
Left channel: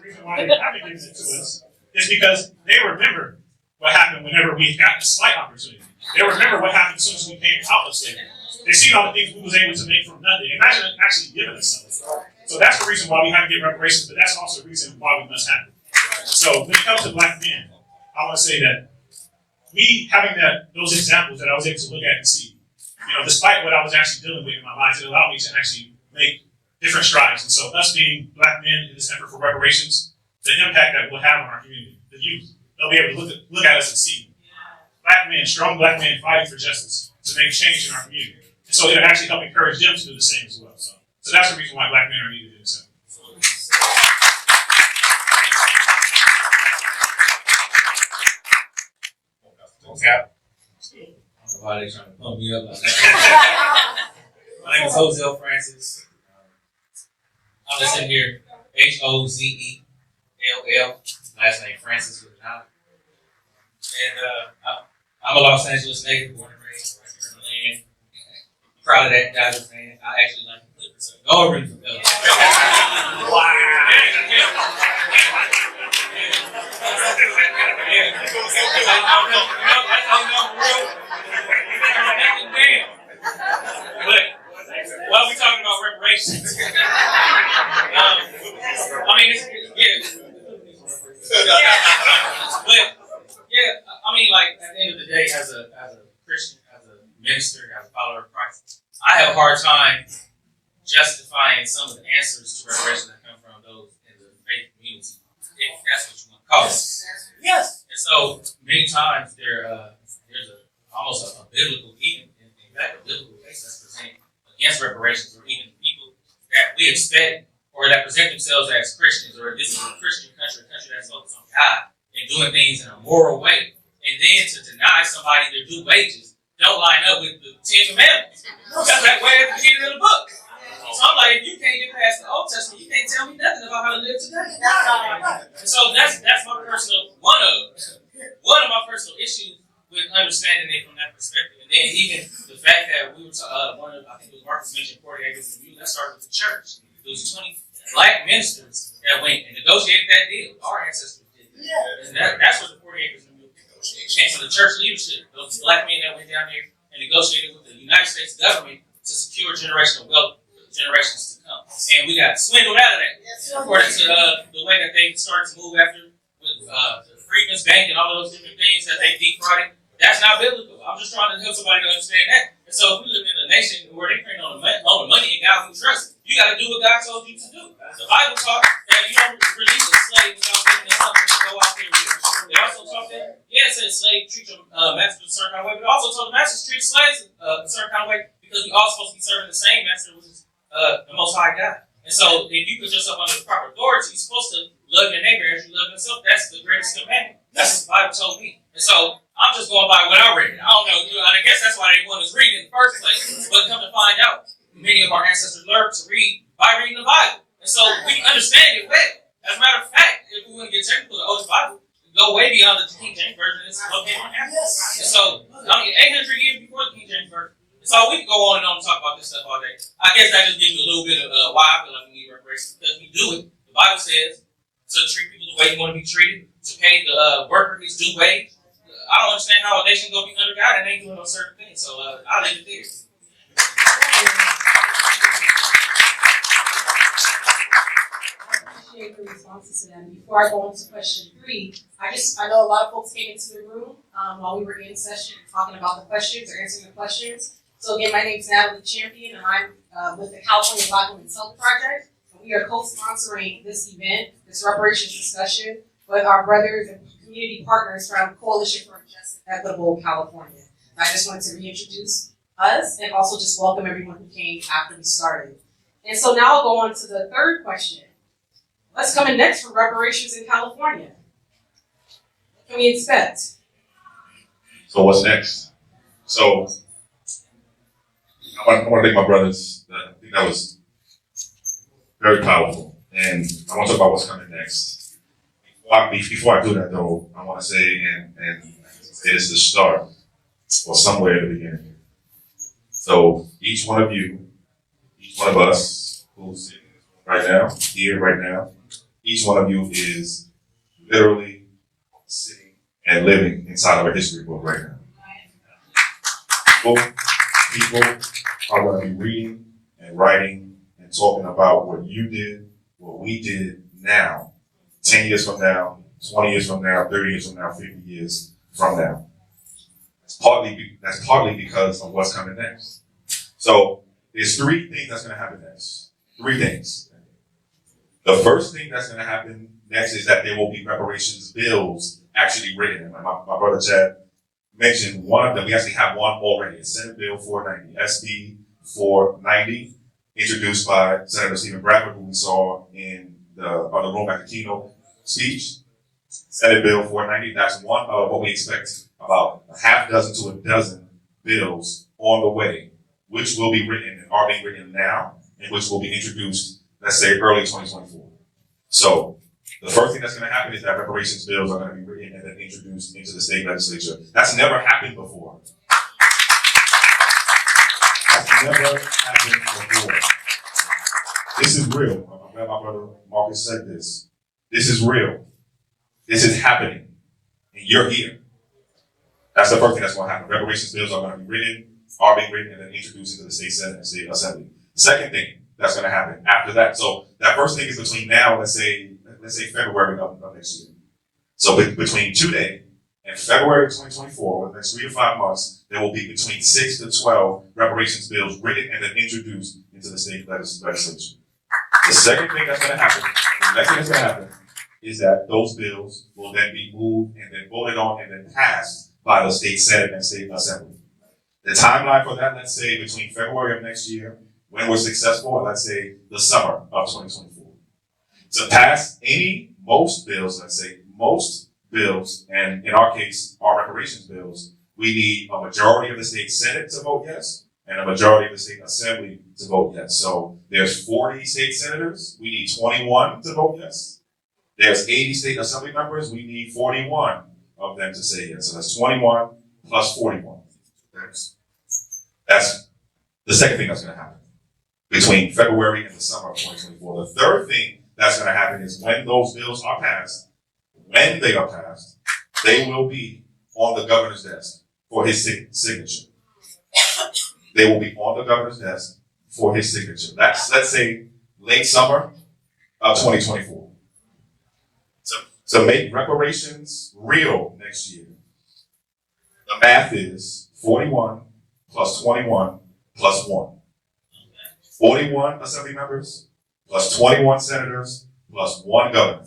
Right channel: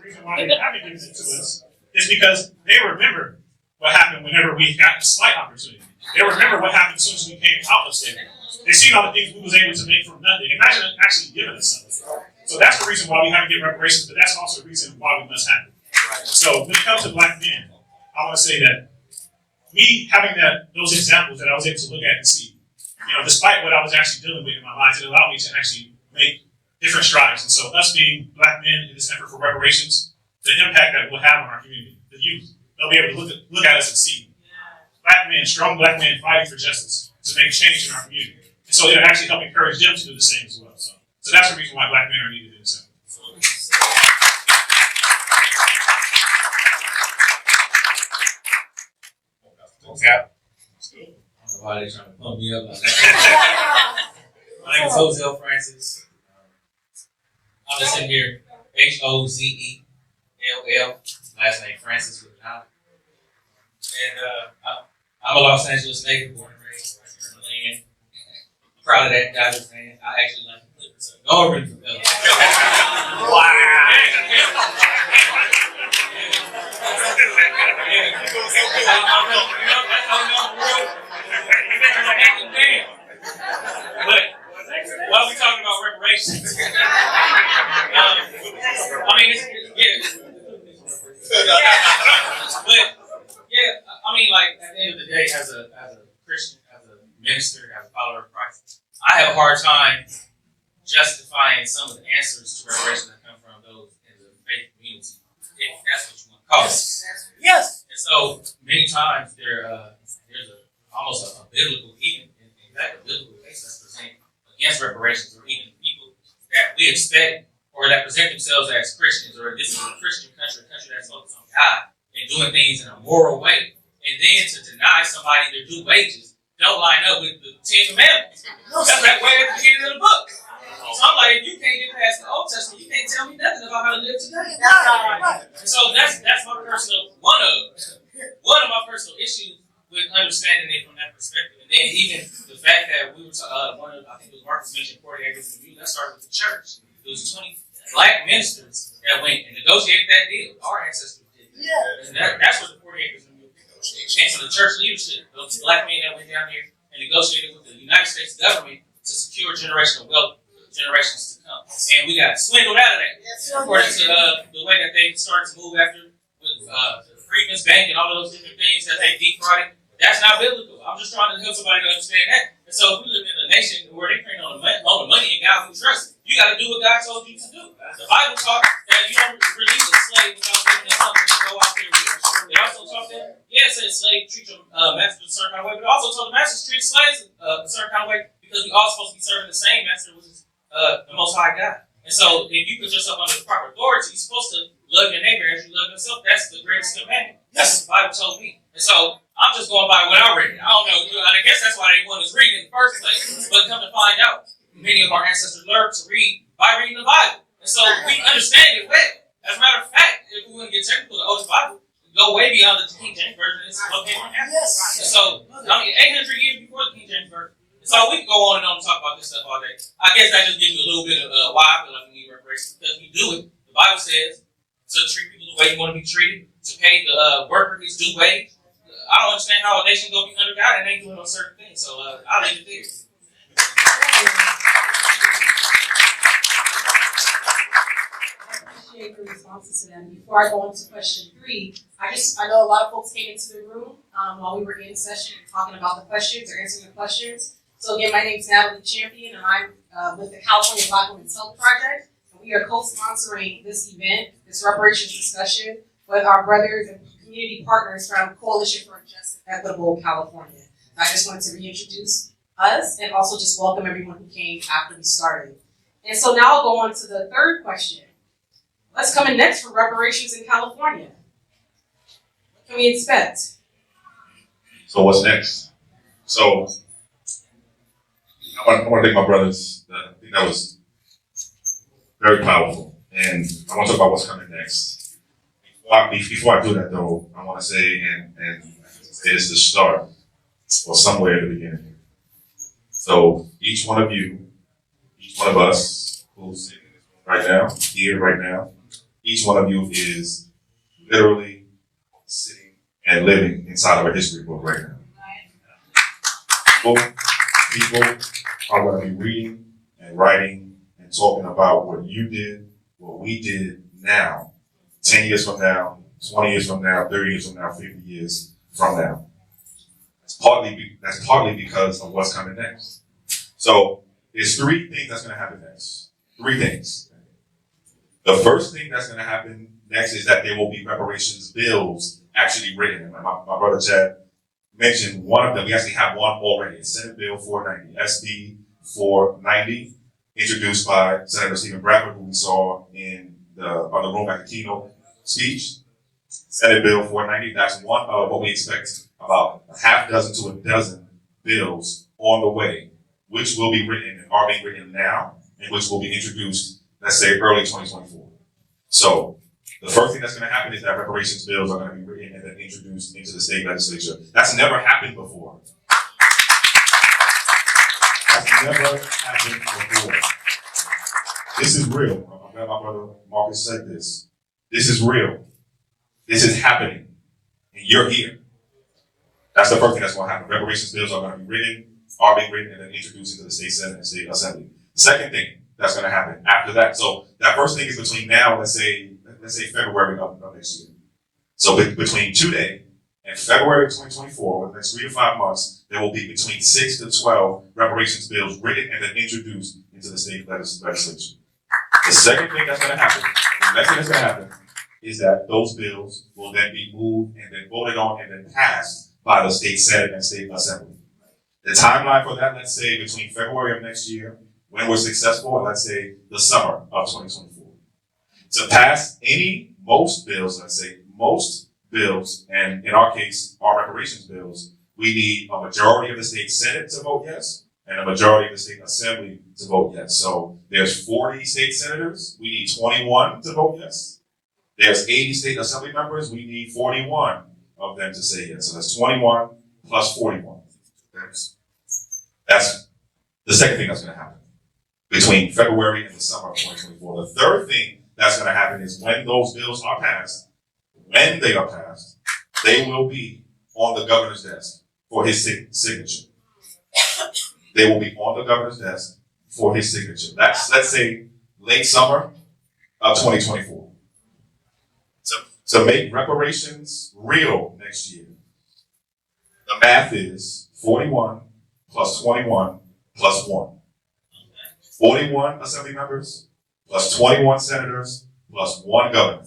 The reason why they haven't given it to us is because they remember what happened whenever we got a slight opportunity. They remember what happened as soon as we came out of slavery. They seen all the things we was able to make from nothing. Imagine actually giving us something. So that's the reason why we have to get reparations, but that's also the reason why we must have it. So when it comes to black men, I want to say that me having those examples that I was able to look at and see, despite what I was actually dealing with in my life, it allowed me to actually make different strides. And so us being black men in this effort for reparations, the impact that we'll have on our community, the youth, they'll be able to look at us and see black men, strong black men fighting for justice to make change in our community. And so it'll actually help encourage them to do the same as well. So that's the reason why black men are needed in this. Why they trying to pump me up on that? My name is Jose Francis. I'm just sitting here, Hozell, last name Francis with an I. And I'm a Los Angeles native, born and raised in the land. Proud of that. God is saying I actually like to live in some already fulfilled. Wow. But while we talking about reparations, at the end of the day, as a Christian, as a minister, as a follower of Christ, I have a hard time justifying some of the answers to reparation that come from those in the faith community. costs. Yes. And so many times there's almost a biblical, even in fact, a biblical case that's presented against reparations, or even people that we expect or that present themselves as Christians, or this is a Christian country, a country that's focused on God and doing things in a moral way. And then to deny somebody their due wages don't line up with the Ten Commandments. That's that way at the beginning of the book. So I'm like, if you can't get past the Old Testament, you can't tell me nothing about how to live today. So that's my personal one of my personal issues with understanding it from that perspective. And then even the fact that we were I think it was Marcus mentioned 40 acres of view, that started with the church. It was 20 black ministers that went and negotiated that deal. Our ancestors did. And that's what the 40 acres of view came from the church leadership. Those black men that went down here and negotiated with the United States government to secure generational wealth for generations to come. And we got swindled out of that. According to the way that they started to move after with the Freedmen's Bank and all of those different things that they defrauded. That's not biblical. I'm just trying to help somebody to understand that. And so if we live in a nation where they print on the money and God can trust it, you got to do what God told you to do. The Bible taught that you don't release a slave without making something to go out there with. They also taught that, yes, the slave treat your master a certain kind of way, but also told the masters treat slaves a certain kind of way, because we all supposed to be serving the same master, which is the Most High God. And so if you put yourself under the proper authority, you're supposed to love your neighbor as you love yourself. That's the greatest commandment. That's what the Bible told me. And so I'm just going by what I read. I don't know. I guess that's why they want us to read it in the first place. But come to find out, many of our ancestors learned to read by reading the Bible. And so we understand it well. As a matter of fact, if we want to get technical, the Old Bible go way beyond the King James Version. It's a little more. And so, 800 years before the King James Version. And so we can go on and on and talk about this stuff all day. I guess that just gives you a little bit of why I feel like we need reparations. Because we do it. The Bible says to treat people the way you want to be treated, to pay the worker his due wage. I don't understand how a nation gonna be under God and ain't doing no certain things. So I'll leave it there. Appreciate the responses to that. Before I go into question 3, I know a lot of folks came into the room while we were in session talking about the questions or answering the questions. So again, my name is Natalie Champion, and I'm with the California Black Women's Health Project. And we are co-sponsoring this event, this reparations discussion, with our brothers and community partners from Coalition for a Just and Equitable California. I just wanted to reintroduce us and also just welcome everyone who came after we started. And so now I'll go on to the third question. What's coming next for reparations in California? What can we expect? So what's next? So I want to thank my brothers. I think that was very powerful. And I want to talk about what's coming next. Before I do that, though, I want to say, and it is the start, or somewhere at the beginning. So each one of you, each one of us who's right now, here right now, each one of you is literally sitting and living inside of a history book right now. People are going to be reading and writing and talking about what you did, what we did now, 10 years from now, 20 years from now, 30 years from now, 50 years from now. That's partly because of what's coming next. So there's 3 things that's going to happen next. 3 things. The first thing that's going to happen next is that there will be reparations bills actually written. And my brother Chad mentioned one of them. We actually have one already. It's Senate Bill 490, SB 490, introduced by Senator Stephen Bradford, who we saw on the Room at the keynote speech. Senate Bill 490, that's one of what we expect, about a half dozen to a dozen bills on the way, which will be written and are being written now, and which will be introduced, let's say, early 2024. So the first thing that's going to happen is that reparations bills are going to be written and then introduced into the state legislature. That's never happened before. That's never happened before. This is real. I'm glad my brother Marcus said this. This is real. This is happening. And you're here. That's the first thing that's going to happen. Reparations bills are going to be written, are being written, and then introduced into the state Senate and state assembly. Second thing that's going to happen after that. So that first thing is between now and let's say February of next year. So between today and February of 2024, within the next 3 to 5 months, there will be between 6 to 12 reparations bills written and then introduced into the state legislature. The second thing that's going to happen, the next thing that's going to happen, is that those bills will then be moved and then voted on and then passed by the state Senate and state assembly. The timeline for that, let's say between February of next year, when we're successful, and let's say the summer of 2024. To pass most bills, and in our case, our reparations bills, we need a majority of the state Senate to vote yes, and a majority of the state assembly to vote yes. So there's 40 state senators, we need 21 to vote yes. There's 80 state assembly members, we need 41 of them to say yes. So that's 21 plus 41. That's the second thing that's going to happen between February and the summer of 2024. The third thing that's going to happen is when those bills are passed, when they are passed, they will be on the governor's desk for his signature. They will be on the governor's desk for his signature. That's, let's say, late summer of 2024. To make reparations real next year, the math is 41 plus 21 plus 1. 41 assembly members plus 21 senators plus 1 governor.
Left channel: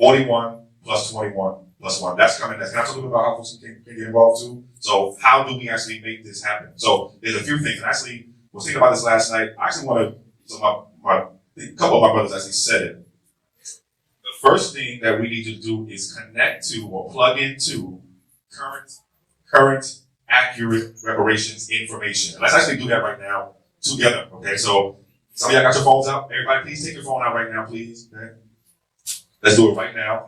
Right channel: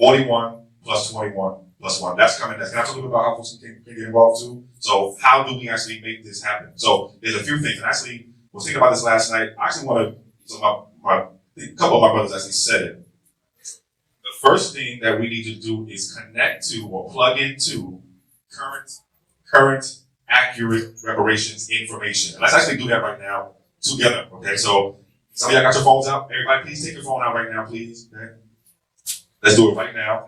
41 plus 21 plus 1. That's absolutely about how folks can get involved too. So how do we actually make this happen? So there's a few things. And actually, I was thinking about this last night. I actually wanted a couple of my brothers actually said it. The first thing that we need to do is connect to or plug into current accurate reparations information. Let's actually do that right now together. Okay, so some of y'all got your phones out. Everybody, please take your phone out right now, please. Okay? Let's do it right now.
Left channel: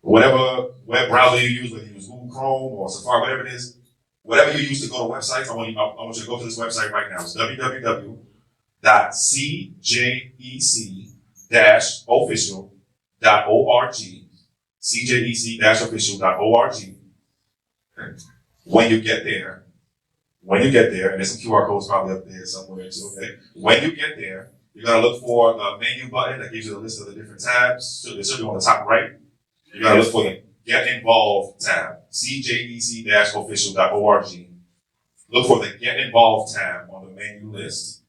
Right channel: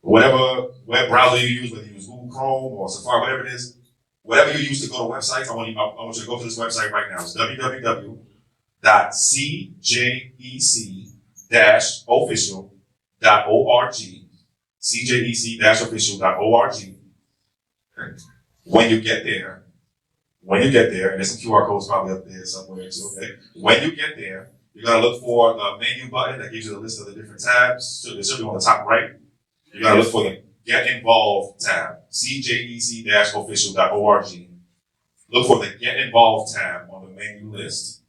Whatever web browser you use, whether you use Google Chrome or Safari, whatever it is, whatever you use to go to websites, I want you to go to this website right now. It's www.cjec-official.org. cjec-official.org. When you get there, and there's some QR codes probably up there somewhere too, okay? When you get there, you're gonna look for the menu button that gives you a list of the different tabs. So it should be on the top right. You gotta look for the Get Involved tab, cjec-official.org. Look for the Get Involved tab on the menu list.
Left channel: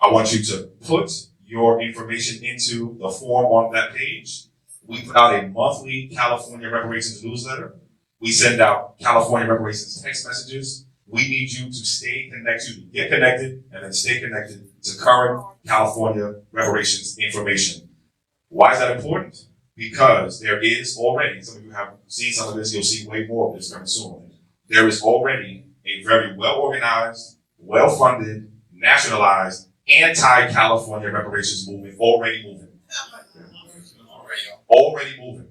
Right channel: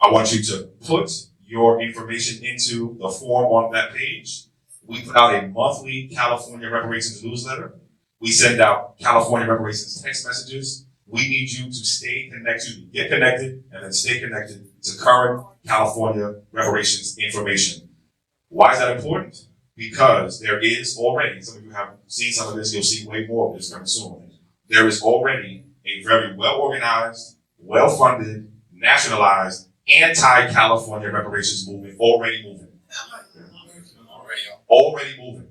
I want you to put your information into the form on that page. We put out a monthly California reparations newsletter. We send out California reparations text messages. We need you to stay connected, get connected, and then stay connected to current California reparations information. Why is that important? Because there is already, some of you have seen some of this, you'll see way more of this coming soon. There is already a very well-organized, well-funded, nationalized, anti-California reparations movement already moving. Already moving.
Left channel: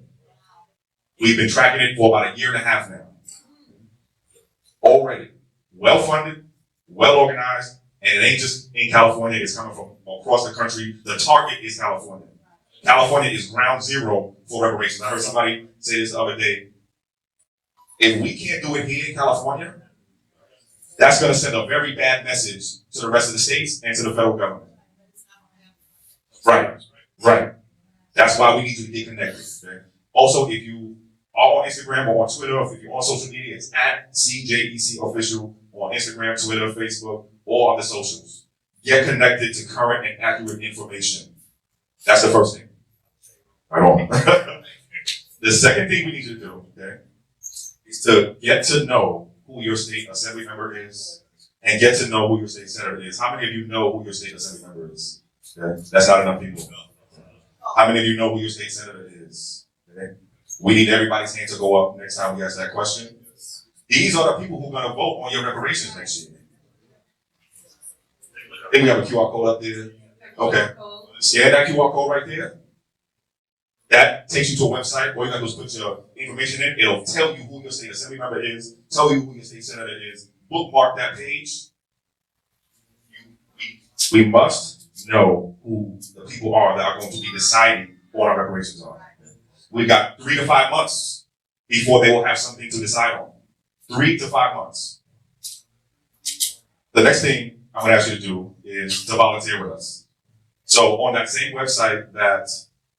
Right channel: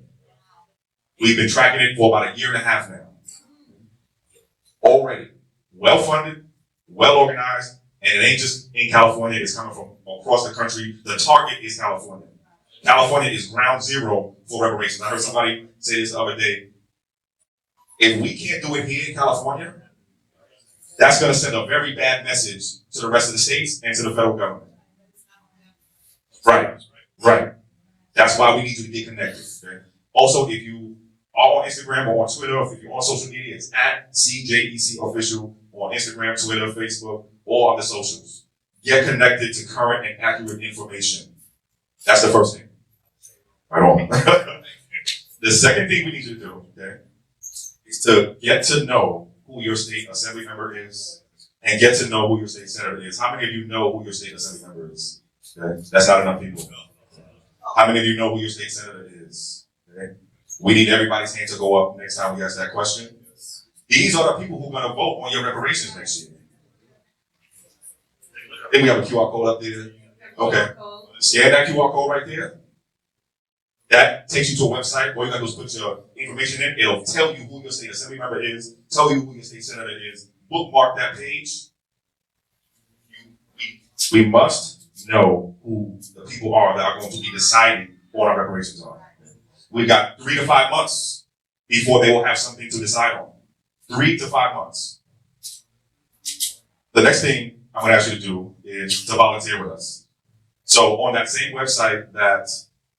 We've been tracking it for about a year and a half now. Already. Well-funded, well-organized, and it ain't just in California, it's coming from across the country. The target is California. California is ground zero for reparations. I heard somebody say this the other day. If we can't do it here in California, that's going to send a very bad message to the rest of the states and to the federal government. Right. That's why we need to get connected. Also, if you are on Instagram or on Twitter, or if you're on social media, it's at CJEC Official on Instagram, Twitter, Facebook, or on the socials. Get connected to current and accurate information. That's the first thing. The second thing we need to do, okay, is to get to know who your state assembly member is and get to know who your state senator is. How many of you know who your state assembly member is? Okay? That's not enough people. How many of you know who your state senator is? Okay? We need everybody's hand to go up next time we ask that question. These are the people who are going to vote on your reparations next year. I think we have a QR code up there. Okay. Scan that QR code right there. That takes you to a website. All you got to do is put your information in. It'll tell you who your state assembly member is, tell you who your state senator is. Bookmark that page. We must know who the people are that are going to be deciding what our reparations are. We've got 3 to 5 months before they will have something to decide on. 3 to 5 months. The next thing I'm going to ask you to do is to volunteer with us. So on that same website that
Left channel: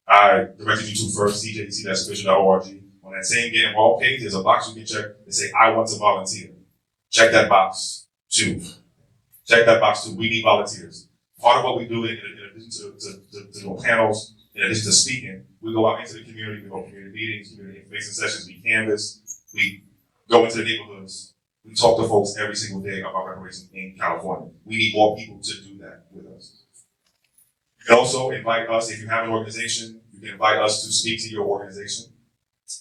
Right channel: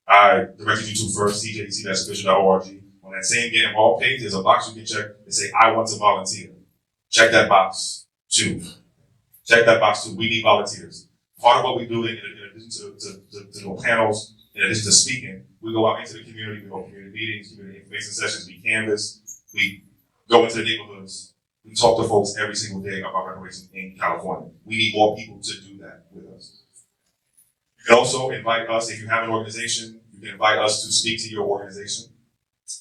I directed you to first, cjec-official.org, on that same Get Involved page, there's a box you can check and say, I want to volunteer. Check that box too. We need volunteers. Part of what we do in addition to panels in addition to speaking, we go out into the community, we hold community meetings, community information sessions, we canvas, we go into the neighborhoods, we talk to folks every single day about reparations in California. We need more people to do that with us. You can also invite us, if you have an organization, you can invite us to speak to your organization.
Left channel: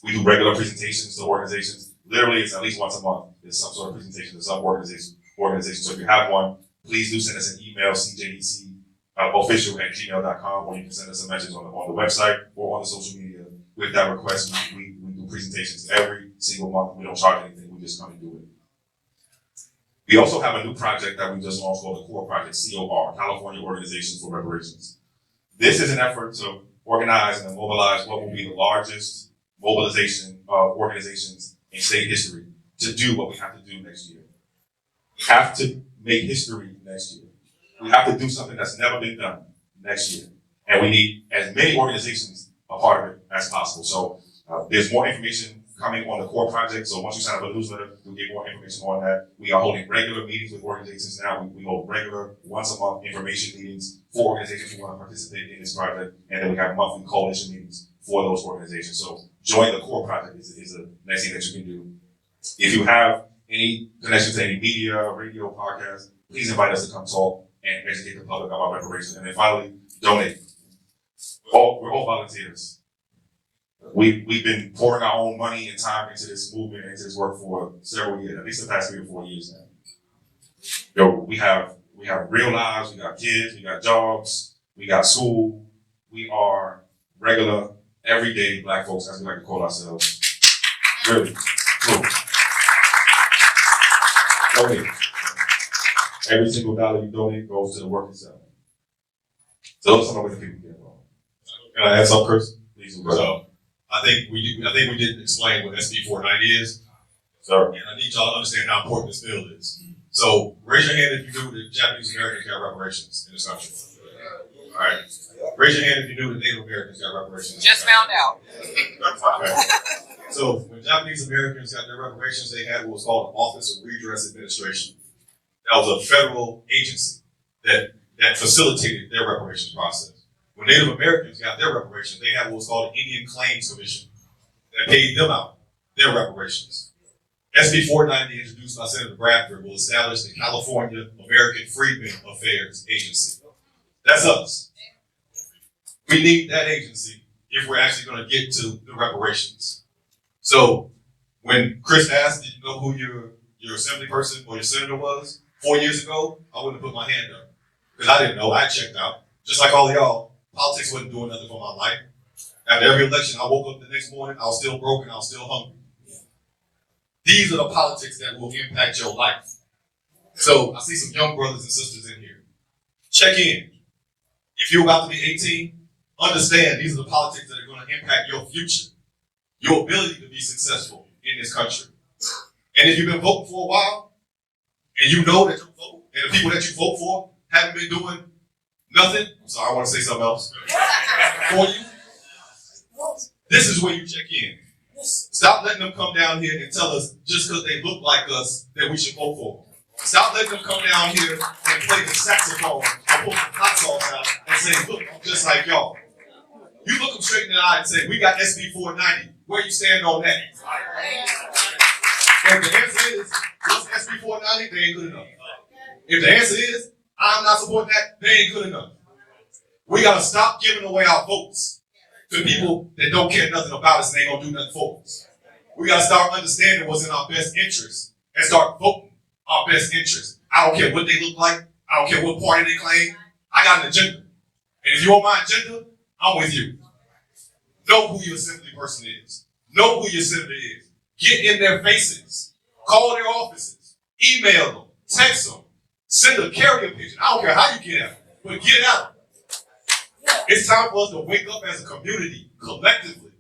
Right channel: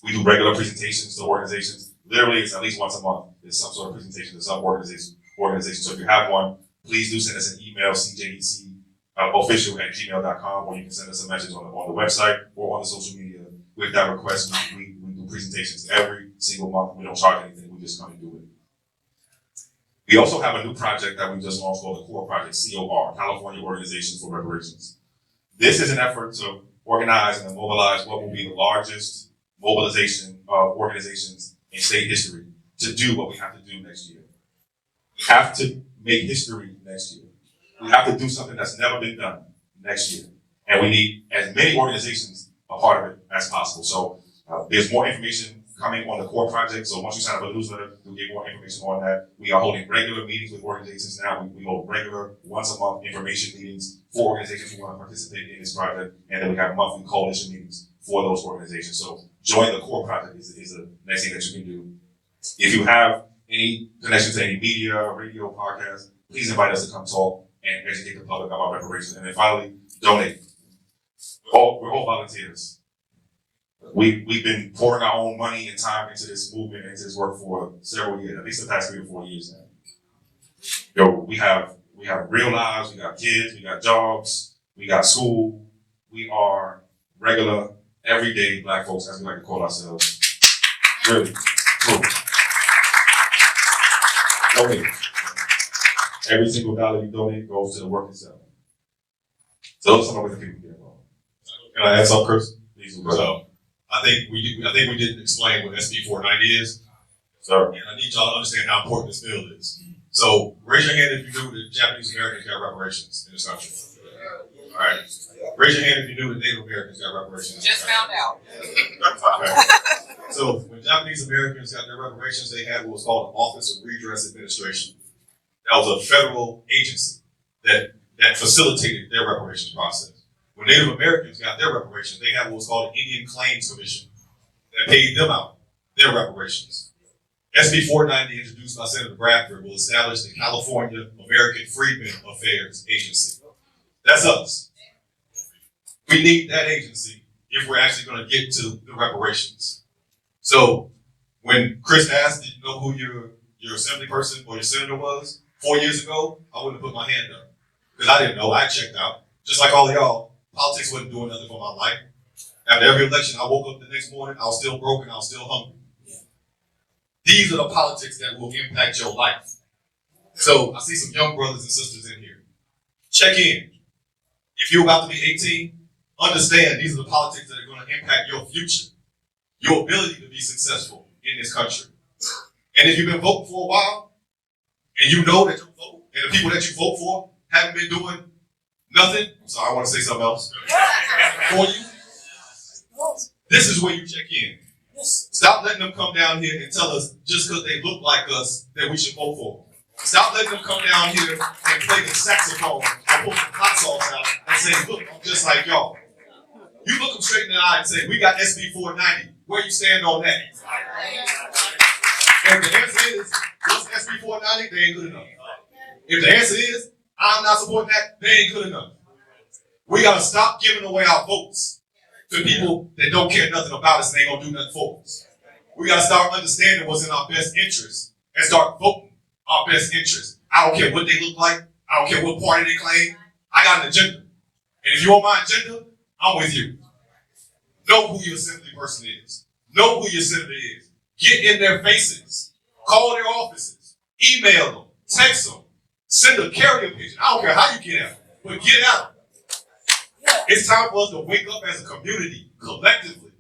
We do regular presentations to organizations. Literally, it's at least once a month. There's some sort of presentation to some organization. So if you have one, please do send us an email, cjedc official@gmail.com, or you can send us a message on the website or on the social media with that request. We do presentations every single month. We don't charge anything. We just come and do it. We also have a new project that we just launched called the CORE Project, COR, California Organization for Reparations. This is an effort to organize and mobilize what will be the largest mobilization of organizations in state history to do what we have to do next year. We have to make history next year. We have to do something that's never been done next year. And we need as many organizations a part of it as possible. So there's more information coming on the CORE project. So once you sign up a newsletter, you'll get more information on that. We are holding regular meetings with organizations now. We hold regular once a month information meetings for organizations who want to participate in this project. And then we have monthly coalition meetings for those organizations. So join the CORE project is the next thing that you can do. If you have any connection to any media, radio, podcast, please invite us to come talk and educate the public about reparations. And then finally, donate. We're all volunteers. We've been pouring our own money and time into this movement, into this work for several years, at least the past 3 or 4 years now. We have real lives, we got kids, we got jobs, we got school. We are regular, everyday Black folks, as we like to call ourselves. Really, true. Donate. Every single dollar you donate goes to the work itself. So those are some of the people get involved. Can I add something, Chris? Please, So I think we didn't explain what SB 490 is. sir. And I need y'all to understand how important this bill is. So raise your hand if you knew that Japanese Americans got reparations in this country. All right. Raise your hand if you knew that Native Americans got reparations. Just found out. So when Japanese Americans got their reparations, they had what was called the Office of Redress Administration. That was a federal agency that facilitated their reparations process. When Native Americans got their reparations, they had what was called the Indian Claims Commission that paid them out their reparations. SB 490, introduced by Senator Bradford, will establish the California American Freedmen Affairs Agency. That's us. We need that agency if we're actually going to get to the reparations. So when Chris asked, did you know who your assembly person or your senator was 4 years ago, I wouldn't have put my hand up because I didn't know. I checked out. Just like all of y'all, politics wasn't doing nothing for my life. After every election, I woke up the next morning, I was still broken, I was still hungry. These are the politics that will impact your life. So I see some young brothers and sisters in here. Check in. If you're about to be 18, understand these are the politics that are going to impact your future, your ability to be successful in this country. And if you've been voting for a while, and you know that you vote, and the people that you vote for haven't been doing nothing, I'm sorry, I want to say something else for you. This is where you check in. Stop letting them come down here and tell us just because they look like us that we should vote for them. Stop letting them come down here and play the saxophone and pull the hot sauce out and say, look, I'm just like y'all. You look them straight in the eye and say, we got SB 490. Where you stand on that? If the answer is, what's SB 490? They ain't good enough. If the answer is, I'm not supporting that, they ain't good enough. We gotta stop giving away our votes to people that don't care nothing about us and ain't gonna do nothing for us. We gotta start understanding what's in our best interest and start voting our best interest. I don't care what they look like. I don't care what party they claim. I got an agenda. And if you want my agenda, I'm with you. Know who your assembly person is. Know who your senator is. Get in their faces. Call their offices. Email them. Text them. Send a carrier pigeon. I don't care how you get out, but get out. It's time for us to wake up as a community, collectively,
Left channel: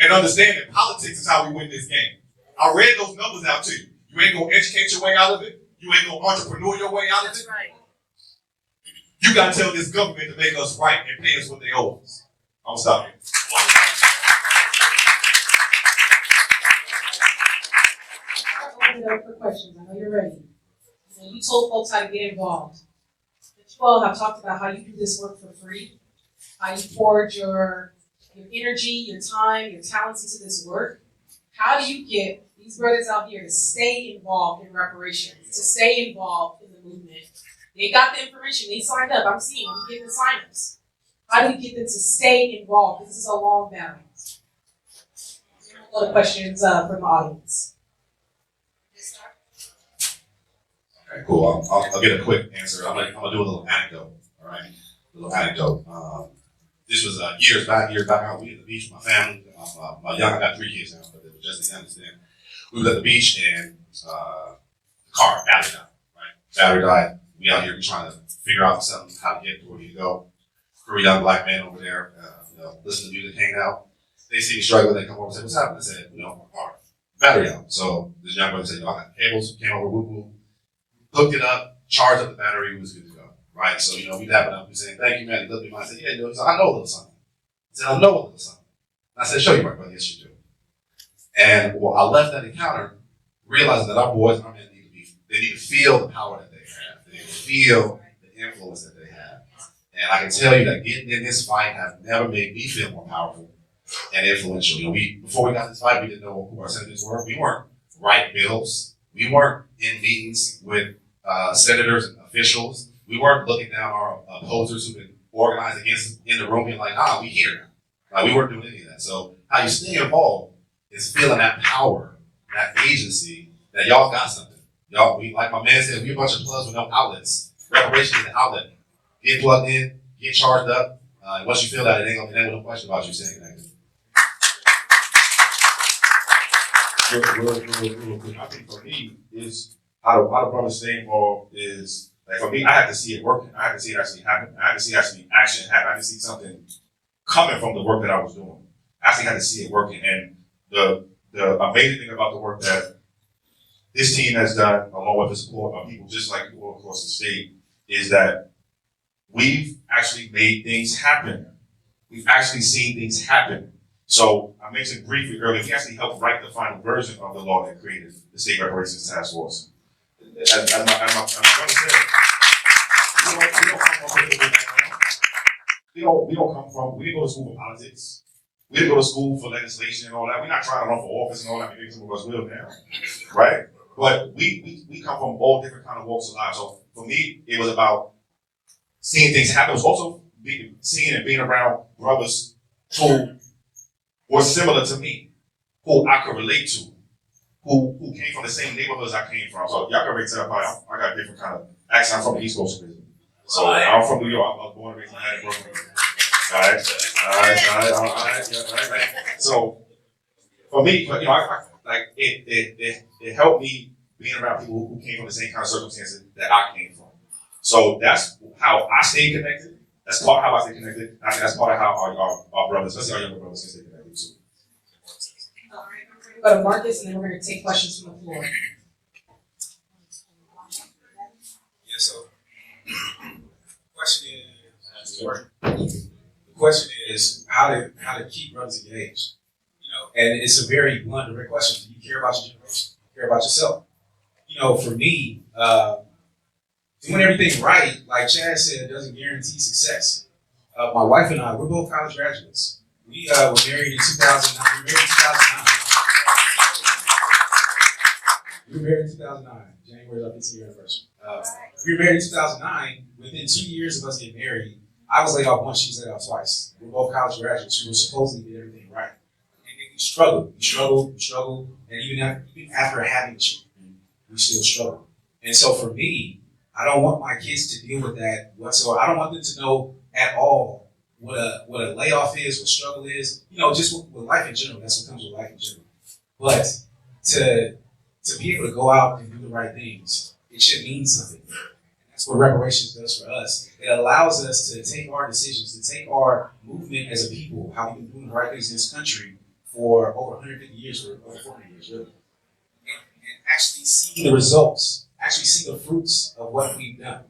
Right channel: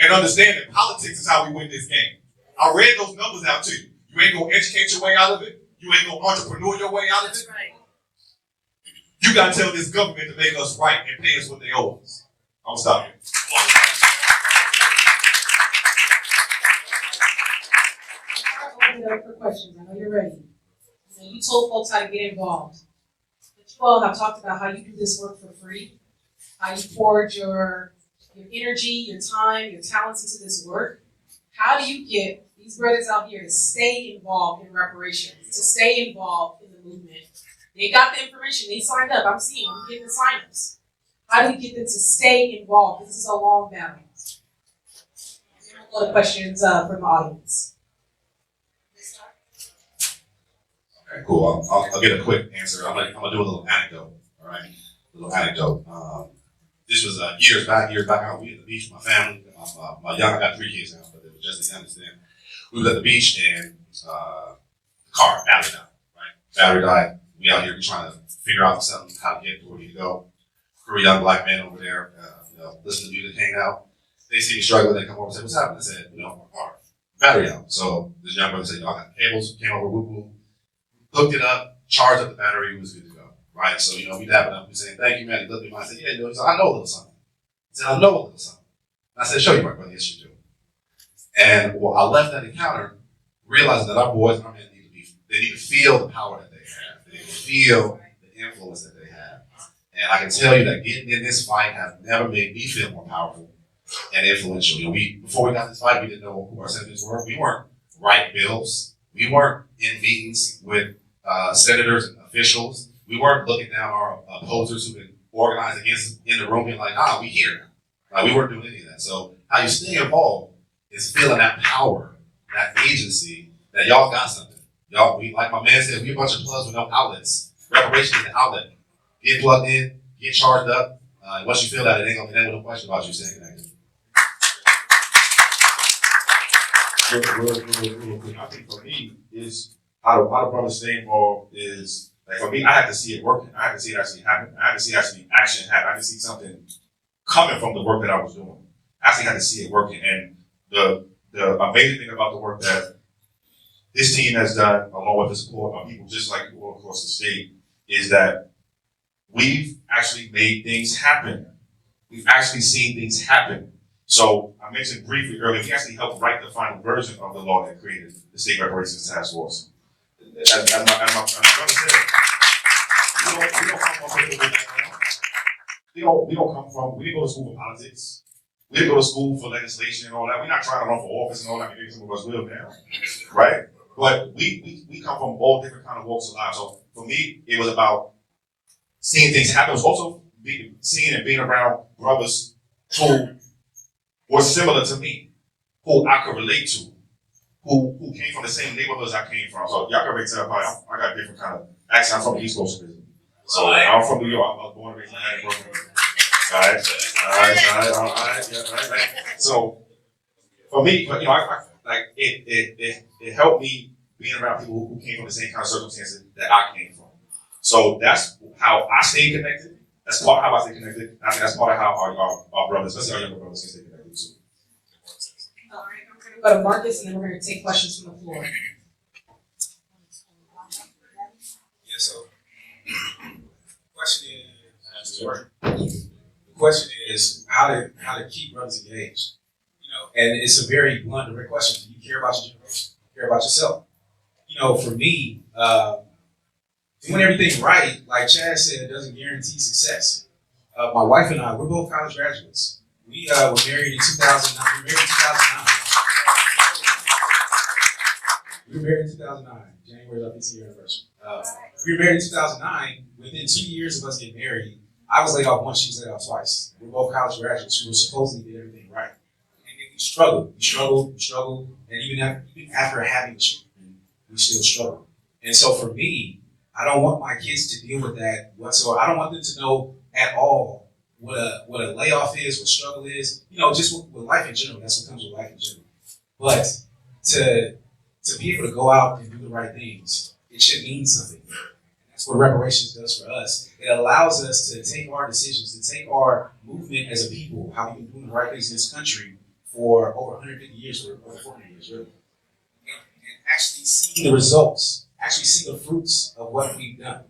and understand that politics is how we win this game. I read those numbers out to you. You ain't gonna educate your way out of it. You ain't gonna entrepreneur your way out of it. You gotta tell this government to make us right and pay us what they owe us. I'm gonna stop here. Open it up for questions. I know you're ready. So you told folks how to get involved. You all have talked about how you do this work for free, how you poured your energy, your time, your talents into this work. How do you get these brothers out here to stay involved in reparations, to stay involved in the movement? They got the information, they signed up, I'm seeing them, get the sign-ups. How do we get them to stay involved? This is a long battle. Other questions from the audience. Okay, cool. I'll get a quick answer. I'm gonna do a little anecdote, all right? A little anecdote. This was years back. We were at the beach with my family. I got 3 kids now, but it was just the youngest then. We was at the beach and the car, battery died, right? Battery died. We out here trying to figure out something, how to get to where we need to go. 3 young black men over there, listen to music, hang out. They see me struggling, they come over and say, what's happening? I said, my car, battery out. So this young brother said, I got cables, came over, hooked it up, charged up the battery, it was good to go, right? So, we dab it up, we saying, thank you, man. He looked at me, I said, yeah, dude. He said, I know a little something. He said, I know a little something. I said, show you right, brother. Yes, you do. And I left that encounter realizing that our boys and our men they need to feel the power that they have. They need to feel the influence that they have. And I can tell you that getting in this fight has never made me feel more powerful and influential. Before we got this fight, we didn't know who our senators were. We weren't writing bills. We weren't in meetings with senators and officials. We weren't looking down our opposers who could organize against us in the room and like, we here. We weren't doing any of that. So how you stay involved is feeling that power, that agency, that y'all got something. Y'all, like my man said, we a bunch of plugs with no outlets. Reparations is an outlet. Get plugged in, get charged up. Once you feel that, it ain't gonna be no question about you saying that. I think for me is how to understand more is like for me, I have to see it working. I have to see it actually happen. I have to see actually action happen. I have to see something coming from the work that I was doing. I actually had to see it working. And the amazing thing about the work that this team has done, along with the support of people just like you all across the state, is that we've actually made things happen. We've actually seen things happen. So I mentioned briefly earlier, we actually helped write the final version of the law that created the State Reparations Task Force. We don't come from, we didn't go to school for politics. We didn't go to school for legislation and all that. We're not trying to run for office and all that. Maybe some of us will now, right? But we come from all different kind of walks of life. So for me, it was about seeing things happen. It was also seeing and being around brothers who were similar to me, who I could relate to, who came from the same neighborhoods I came from. So y'all can already tell I got a different kind of accent. I'm from the East Coast originally. So I'm from New York. I was born and raised in Manhattan. So for me, it helped me being around people who came from the same kind of circumstances that I came from. So that's how I stay connected. That's part of how I stay connected. I think that's part of how our brothers, especially our younger brothers, stay connected too. All right, I'm going to go to Marcus, and then we're going to take questions from the floor. Yeah, so the question is how to keep brothers engaged. And it's a very blunt and direct question. Do you care about your generation? Do you care about yourself? For me, doing everything right, like Chad said, doesn't guarantee success. My wife and I, we're both college graduates. We were married in 2009. We were married in 2009. January is our 15th anniversary. We were married in 2009. Within 2 years of us getting married, I was laid off once, she was laid off twice. We're both college graduates. We were supposed to get everything right. And we struggled. And even after having children, we still struggled. And so for me, I don't want my kids to deal with that whatsoever. I don't want them to know at all what a layoff is, what struggle is. Just with life in general. That's what comes with life in general. But to be able to go out and do the right things, it should mean something. That's what reparations does for us. It allows us to take our decisions, to take our movement as a people, how we can do the right things in this country for over 150 years or over 400 years, really. And actually see the results, actually see the fruits of what we've done.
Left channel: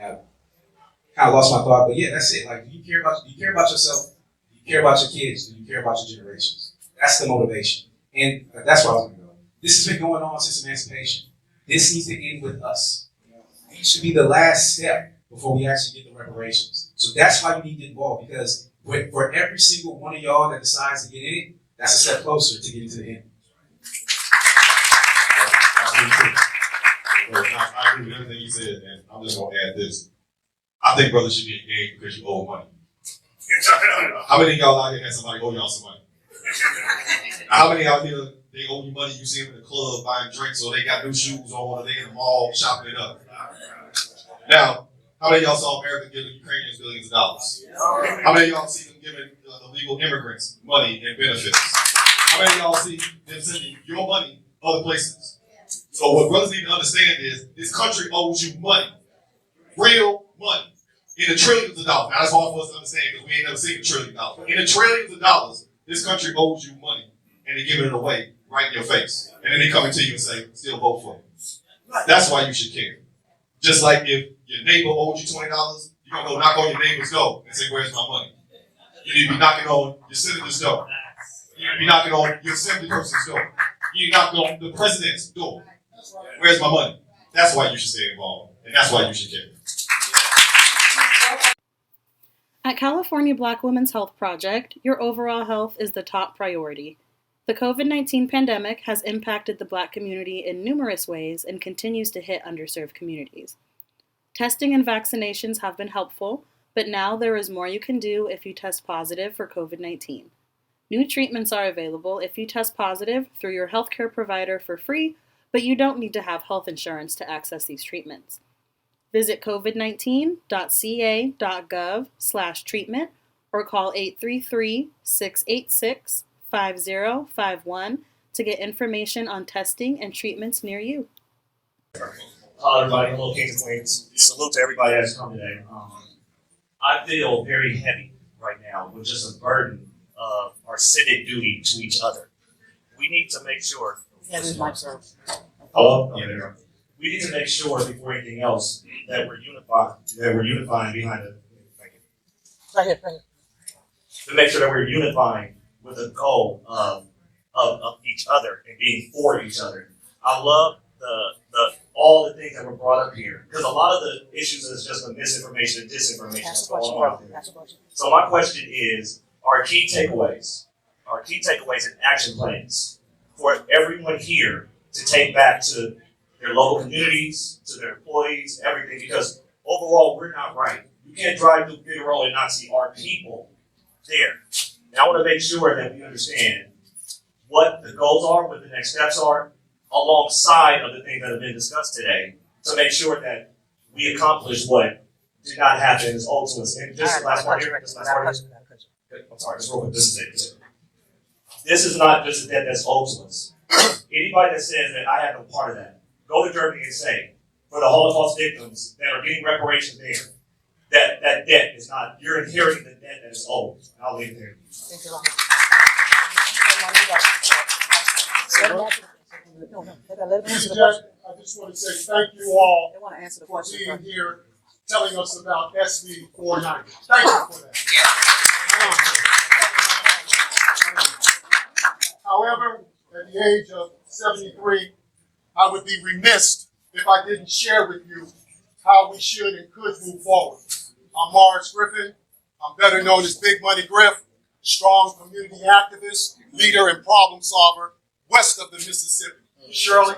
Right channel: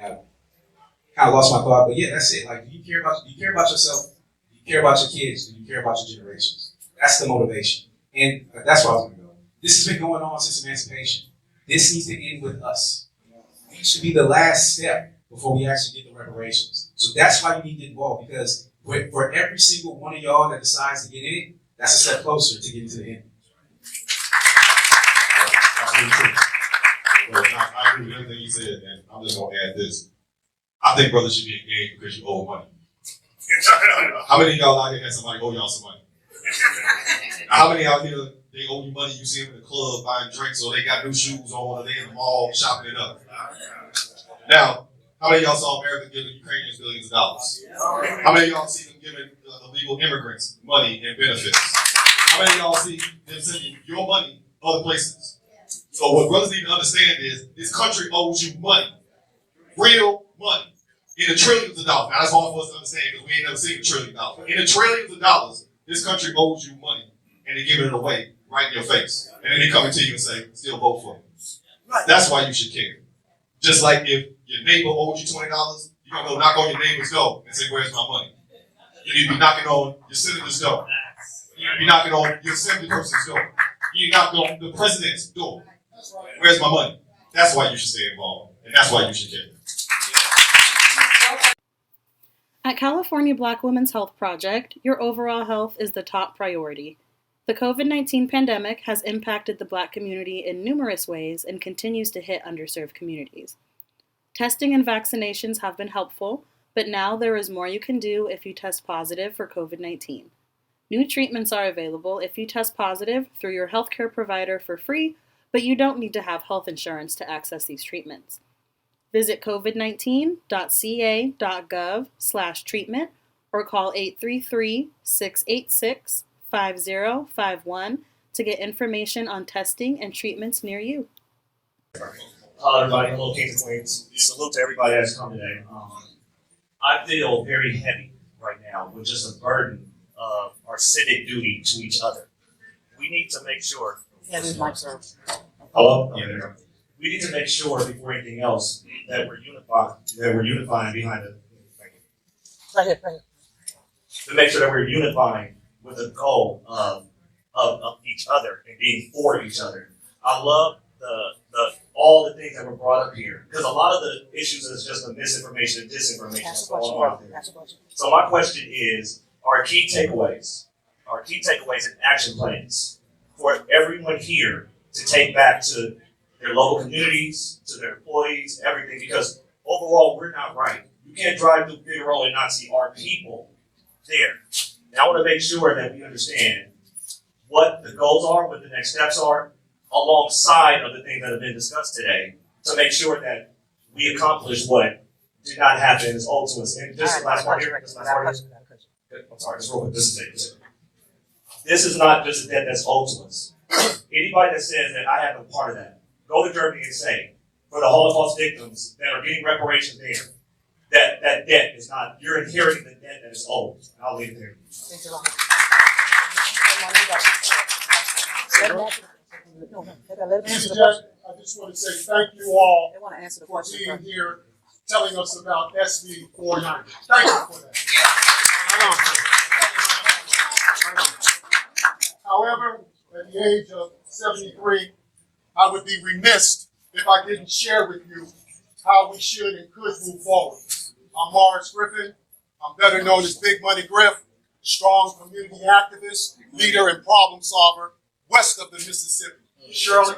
I kind of lost my thought, but yeah, that's it. Like, do you care about yourself? Do you care about your kids? Do you care about your generations? That's the motivation. And that's where I was going to go. This has been going on since emancipation. This needs to end with us. It should be the last step before we actually get the reparations. So that's why we need to get involved, because for every single one of y'all that decides to get in it, that's a step closer to getting to the end. Well, I agree with everything you said, and I'm just gonna add this. I think brothers should be engaged because you owe money. How many of y'all out here had somebody owe y'all some money? How many out here they owe you money? You see them in the club buying drinks, or they got new shoes on, or they in the mall shopping it up. Now, how many of y'all saw America giving Ukrainians billions of dollars? How many of y'all see them giving illegal immigrants money and benefits? How many of y'all see them sending your money other places? So what brothers need to understand is this country owes you money, real money, in the trillions of dollars. Now, that's hard for us to understand because we ain't never seen $1 trillion. In the trillions of dollars, this country owes you money, and they give it away right in your face. And then they come to you and say, still vote for me. That's why you should care. Just like if your neighbor owes you $20, you're going to go knock on your neighbor's door and say, where's my money? You need to be knocking on your senator's door. You need to be knocking on your assembly person's door. You need to knock on the president's door. Where's my money? That's why you should stay involved, and that's why you should care. At California Black Women's Health Project, your overall health is the top priority. The COVID-19 pandemic has impacted the Black community in numerous ways and continues to hit underserved communities. Testing and vaccinations have been helpful, but now there is more you can do if you test positive for COVID-19. New treatments are available if you test positive through your healthcare provider for free, but you don't need to have health insurance to access these treatments. Visit covid19.ca.gov/treatment or call 833-686-5051 to get information on testing and treatments near you. Hello, everybody. Hello, Kings and Queens. Salute to everybody that's come today. I feel very heavy right now with just a burden of our civic duty to each other. We need to make sure. Hello? Yeah, we need to make sure before anything else that we're unified. That we're unifying behind it. To make sure that we're unifying with the goal of each other and being for each other. I love the all the things that were brought up here, because a lot of the issues is just the misinformation and disinformation. So my question is, our key takeaways and action plans for everyone here to take back to their local communities, to their employees, everything, because overall we're not right. You can't drive through Figueroa and not see our people there. And I want to make sure that we understand what the goals are, what the next steps are, alongside of the things that have been discussed today, to make sure that we accomplish what did not happen as owed to us. And this is the last part here. I'm sorry, this is it. This is not just a debt that's owed to us. Anybody that says that I have a part of that, go to Germany and say, for the Holocaust victims that are getting reparations there, that debt is not, you're inheriting the debt that is owed. I'll leave it there. Mr. Judge, I just want to say thank you all for being here, telling us about SB 490. Thank you for that. However, at the age of 73, I would be remiss if I didn't share with you how we should and could move forward. I'm Morris Griffin. I'm better known as Big Money Griff, strong community activist, leader, and problem solver west of the Mississippi. Shirley,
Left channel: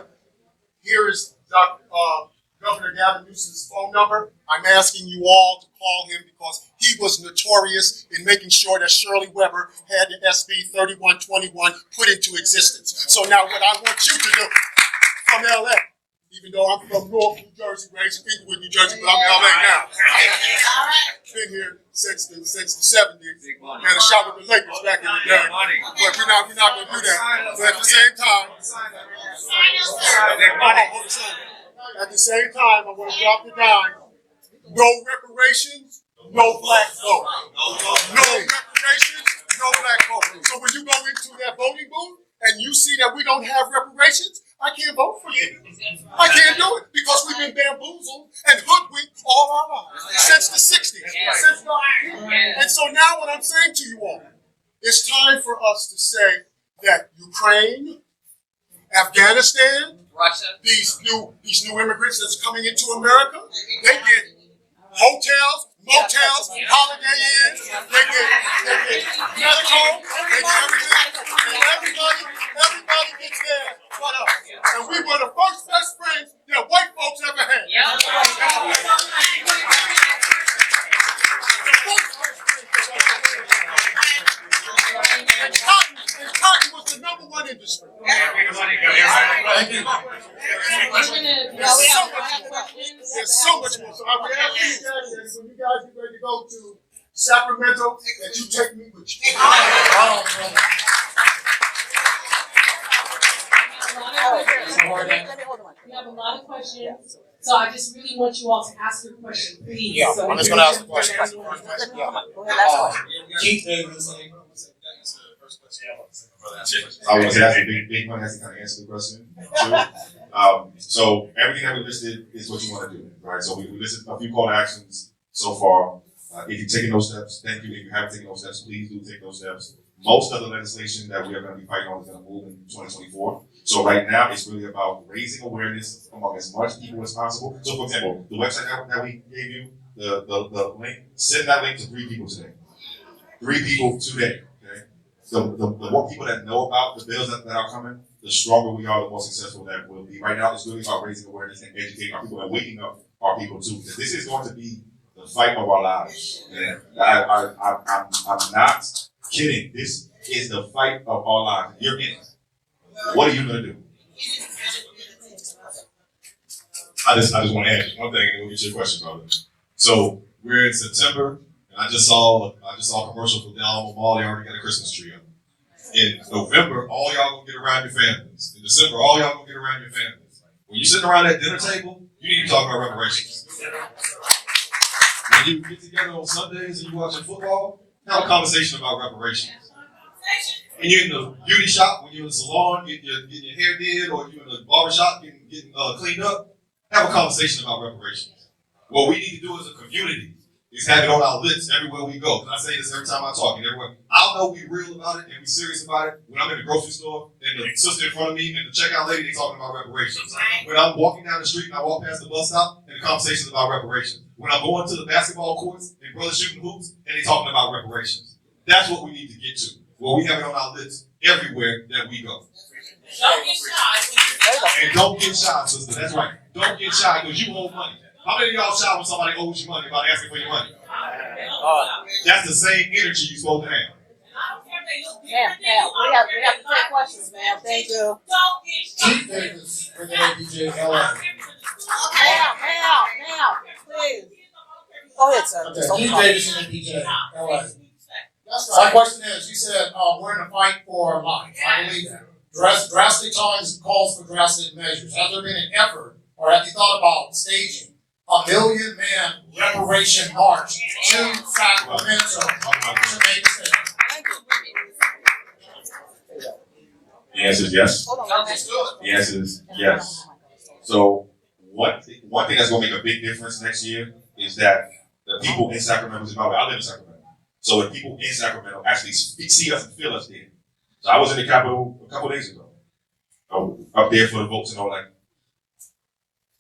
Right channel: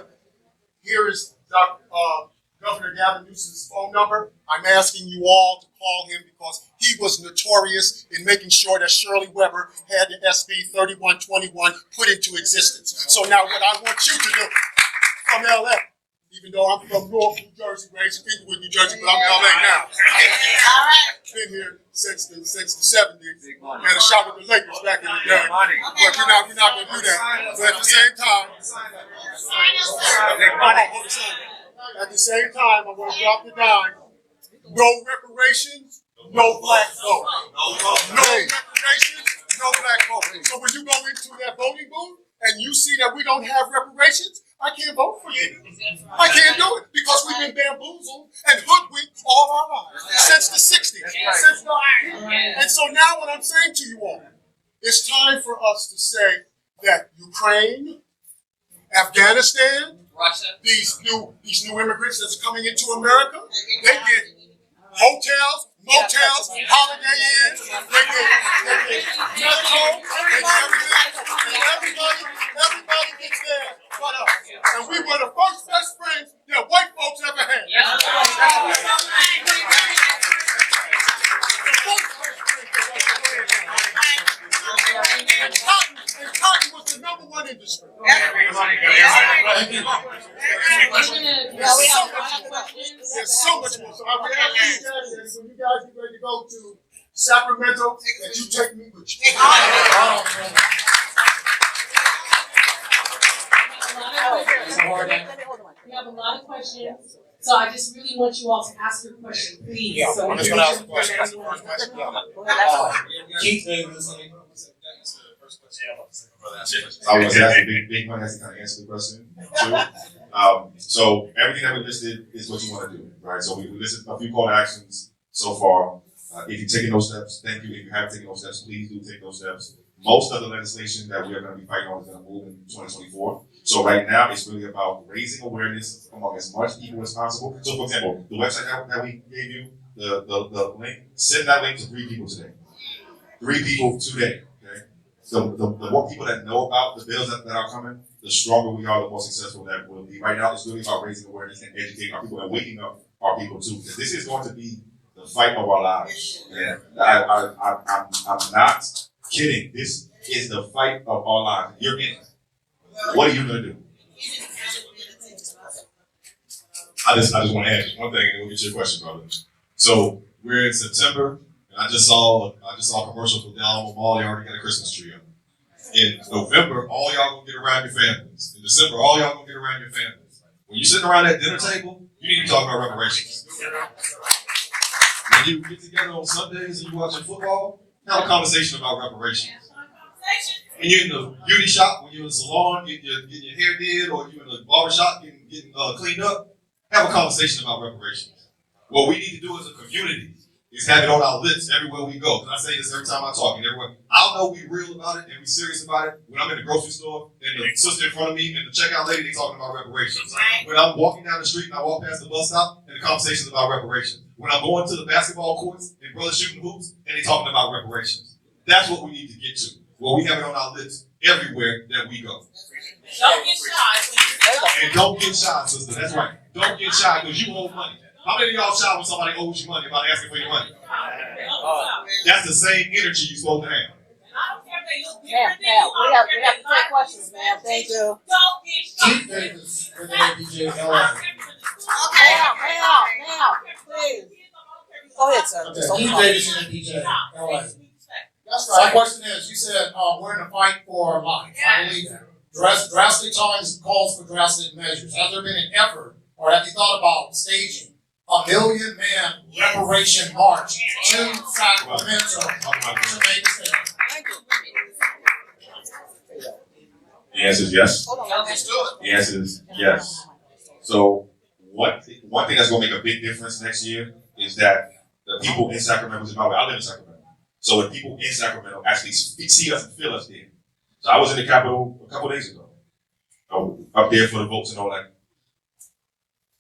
here is Governor Gavin Newsom's phone number. I'm asking you all to call him because he was notorious in making sure that Shirley Weber had the SB 3121 put into existence. So now what I want you to do from LA, even though I'm from North New Jersey, raised in New Jersey, but I'm in LA now. Been here since the 70s. Had a shot with the Lakers back in the day. But you're not going to do that. But at the same time, I'm going to drop the dime. No reparations, no black vote. No reparations, no black vote. So when you go into that voting booth and you see that we don't have reparations, I can't vote for you. I can't do it because we've been bamboozled and hoodwinked all our lives since the 60s. And so now what I'm saying to you all, it's time for us to say that Ukraine, Afghanistan, Russia, these new immigrants that's coming into America, they get hotels, motels, Holiday Inns, they get telecom, they get everything. Everybody gets there. And we were the first best friends that white folks ever had. And cotton was the #1 industry. There's so much more. So I would have you guys, and when you guys get ready to go to Sacramento, that you take me with you. We have a lot of questions, so I just really want you all to ask your question, please. Yeah, So I'm just gonna ask a question. Keith Davis. I was asking big one that's kind of answer the question. So everything that we listed is what you want to do, right? So we listed a few call to actions so far. If you're taking those steps, thank you. If you haven't taken those steps, please do take those steps. Most of the legislation that we are going to be fighting on is going to move in 2024. So right now, it's really about raising awareness among as much people as possible. So for example, the website that we gave you, the link, send that link to 3 people today. 3 people today. The more people that know about the bills that are coming, the stronger we are, the more successful that we'll be. Right now, it's really about raising awareness and educating our people and waking up our people too. Because this is going to be the fight of our lives. And I'm not kidding. This is the fight of our lives. You're in it. What are you going to do? I just want to add one thing, and then we'll get your question, brother. So we're in September, and I just saw a commercial for Dallas Mall. They already got a Christmas tree up. In November, all y'all gonna get around your families. In December, all y'all gonna get around your families. When you sitting around that dinner table, you need to talk about reparations. When you get together on Sundays and you watching football, have a conversation about reparations. When you're in the beauty shop, when you're in the salon, getting your hair did, or you're in the barber shop getting cleaned up, have a conversation about reparations. What we need to do as a community is have it on our lips everywhere we go. And I say this every time I talk, and everywhere. I'll know we real about it and we serious about it when I'm in the grocery store and the sister in front of me and the checkout lady, they talking about reparations. When I'm walking down the street and I walk past the bus stop and the conversation's about reparations. When I'm going to the basketball courts and brothers shooting hoops and they talking about reparations. That's what we need to get to. Where we have it on our lips everywhere that we go. Don't get shy. And don't get shy, sister. That's right. Don't get shy because you owe money. How many of y'all shy when somebody owes you money about asking for your money? That's the same energy you're supposed to have. We have to take questions, man. Thank you. Chief Davis, with the KJLH. Now, please. Go ahead, son. Keith Davis and KJLH. That's right. My question is, you said we're in a fight for life. I believe that. Drastic times calls for drastic measures. Has there been an effort, or have you thought about staging a million man reparation march to Sacramento to make a stand? The answer is yes. Let's do it. The answer is yes. So one thing that's going to make a big difference next year is that the people in Sacramento, I live in Sacramento, so the people in Sacramento actually see us and feel us there. So I was in the Capitol a couple days ago. I was up there for the votes and all that.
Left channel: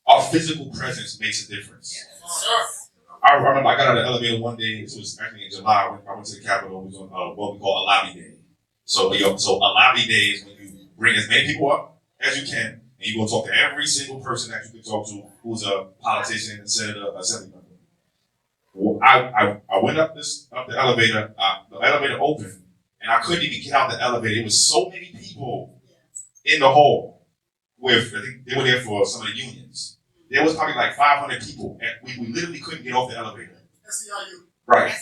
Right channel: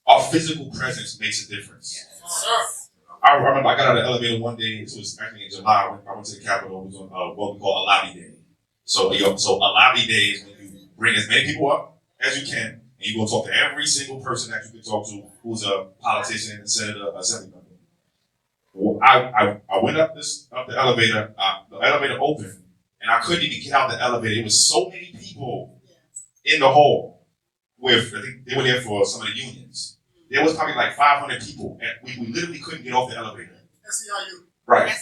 Our physical presence makes a difference. I remember I got out of the elevator one day, this was actually in July, I went to the Capitol, it was on what we call a lobby day. So a lobby day is when you bring as many people up as you can, and you go talk to every single person that you can talk to who's a politician, a senator, a senator. Well, I went up the elevator, the elevator opened, and I couldn't even get out the elevator. There was so many people in the hall I think they were there for some of the unions. There was probably like 500 people, and we literally couldn't get off the elevator. Right.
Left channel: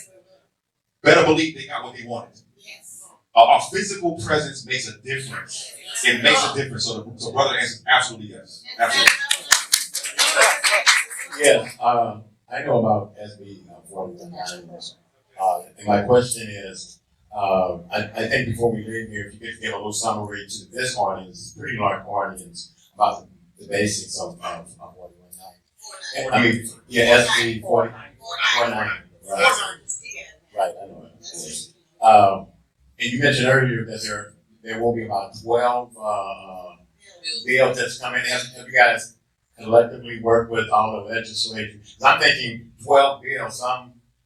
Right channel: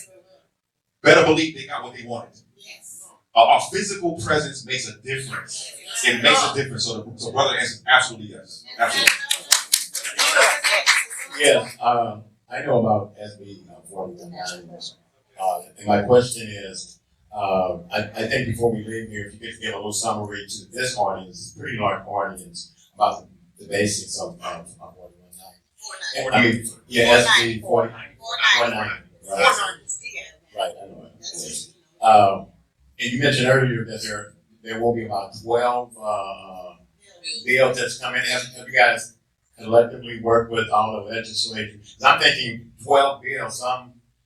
Better believe they got what they wanted. Our physical presence makes a difference. It makes a difference. So brother, absolutely yes. Absolutely. Yes, I know about SB 4039. And my question is, I think before we leave here, if you could give a little summary to this audience, pretty large audience, about the basics of 4019. Yeah, SB 4019. Right. And you mentioned earlier that there will be about 12 bills that's coming in. Have you guys collectively work with all the legislators? I'm thinking Well, you know,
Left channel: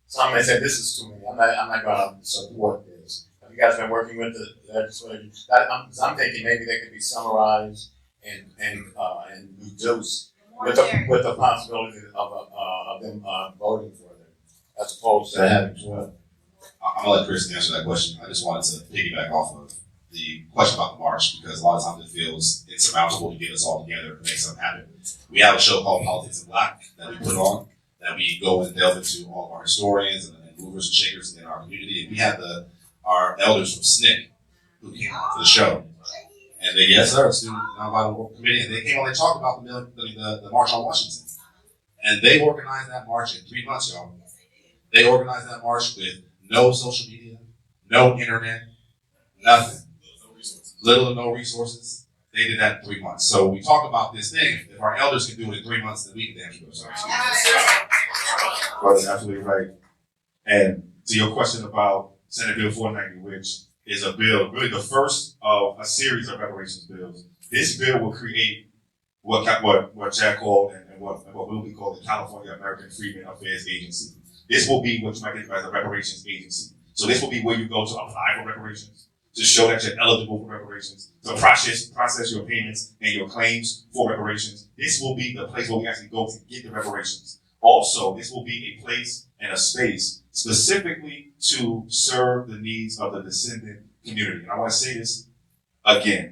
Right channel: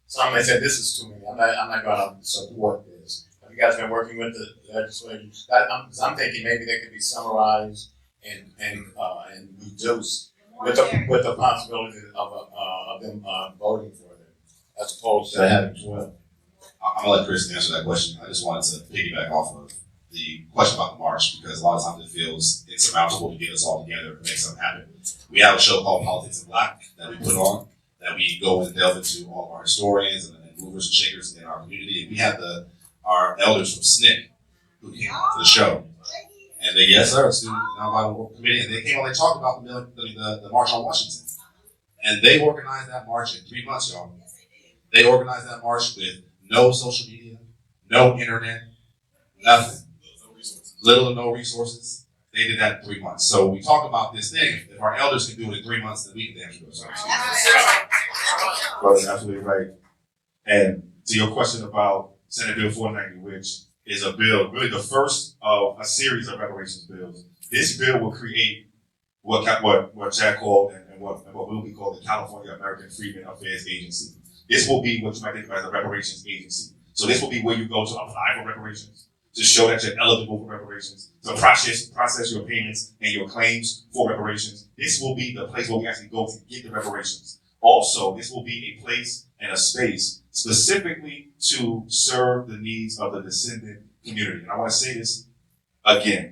some may say this is too many. I'm not gonna support this. Have you guys been working with the legislature? I'm thinking maybe they could be summarized and reduced with the possibility of them voting for it, as opposed to having 12. I'm gonna let Chris answer that question. I just wanted to piggyback off of the question about the march because a lot of times it feels insurmountable to get us all together and make something happen. We have a show called Politics in Black that we put on, that we go and delve into all of our historians and movers and shakers in our community. And we had our elders from SNCC who came to the show. And they, yes, sir, student committee, and they came on and talked about the March on Washington. And they organized that march in 3 months, y'all. They organized that march with no social media, no internet, nothing. Little to no resources. They did that in 3 months. So we talk about this thing. If our elders can do it in 3 months, then we can do it. That's absolutely right. And to your question about Senate Bill 490, which is a bill, really the first of a series of reparations bills. This bill will create what Jack called and what we call the California American Freedmen Affairs Agency. This will be what you might think of as a reparations agency. So this will be where you go to apply for reparations, to show that you're eligible for reparations, to process your payments and your claims for reparations. This will be the place where we actually go to get the reparations. Also, this will be a place and a space specifically to serve the needs of the descendant community. And I want to say this again.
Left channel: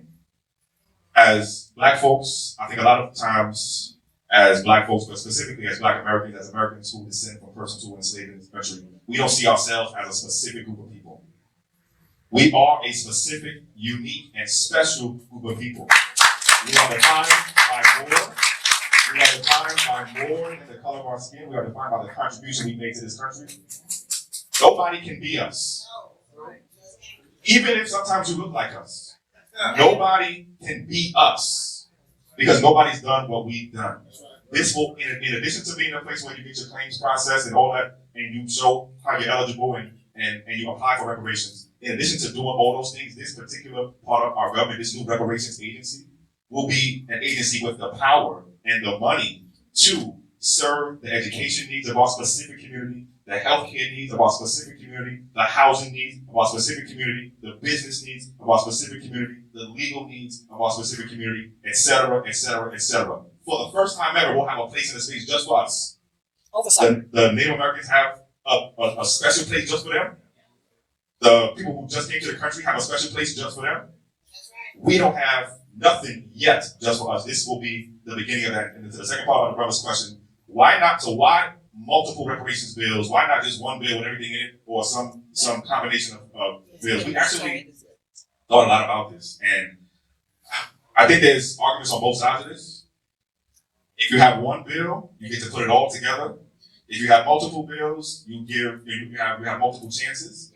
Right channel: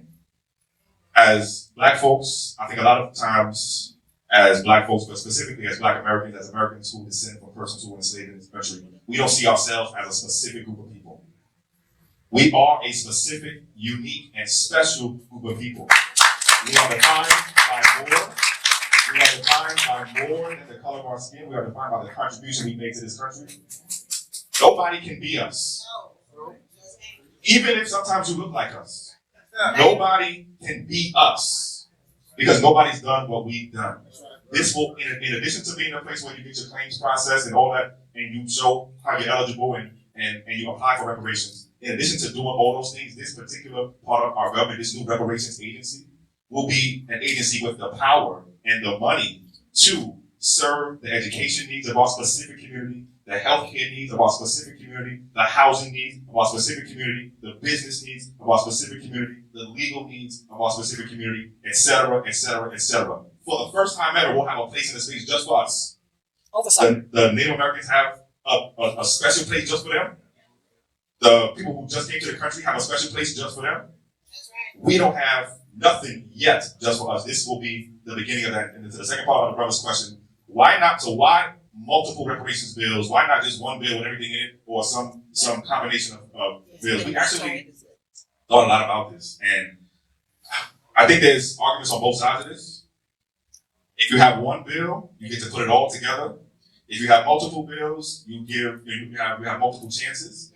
As Black folks, I think a lot of times as Black folks, but specifically as Black Americans, as Americans who descend from persons who were enslaved in this country, we don't see ourselves as a specific group of people. We are a specific, unique, and special group of people. We are defined by more. We are defined by more than the color of our skin. We are defined by the contribution we make to this country. Nobody can be us. Even if sometimes you look like us. Nobody can be us. Because nobody's done what we've done. This will, in addition to being a place where you get your claims processed and all that, and you show how you're eligible and you apply for reparations, in addition to doing all those things, this particular part of our government, this new reparations agency, will be an agency with the power and the money to serve the education needs of our specific community, the healthcare needs of our specific community, the housing needs of our specific community, the business needs of our specific community, the legal needs of our specific community, etc., etc., etc. For the first time ever, we'll have a place in the space just for us. The Native Americans have a special place just for them. The people who just came to the country have a special place just for them. We don't have nothing yet just for us. This will be the beginning of that. And to the second part of the brother's question, why multiple reparations bills? Why not just one bill and everything in it, or some combination of bills? We actually thought a lot about this, and I think there's arguments on both sides of this. If you have one bill, you get to put it all together. If you have multiple bills, you have multiple chances.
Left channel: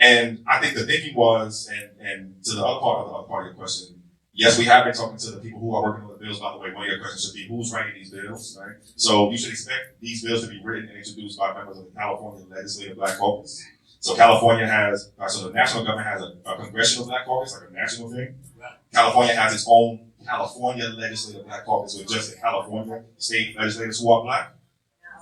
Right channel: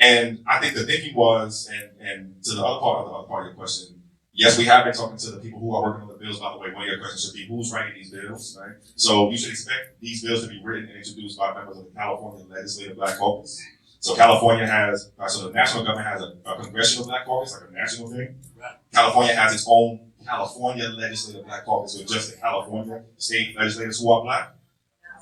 And I think the thinking was, and to the other part of your question, yes, we have been talking to the people who are working on the bills. By the way, one of your questions should be who's writing these bills, right? So you should expect these bills to be written and introduced by members of the California Legislative Black Caucus. So California has, so the national government has a congressional Black Caucus, like a national thing. California has its own California Legislative Black Caucus, with just the California state legislators who are Black.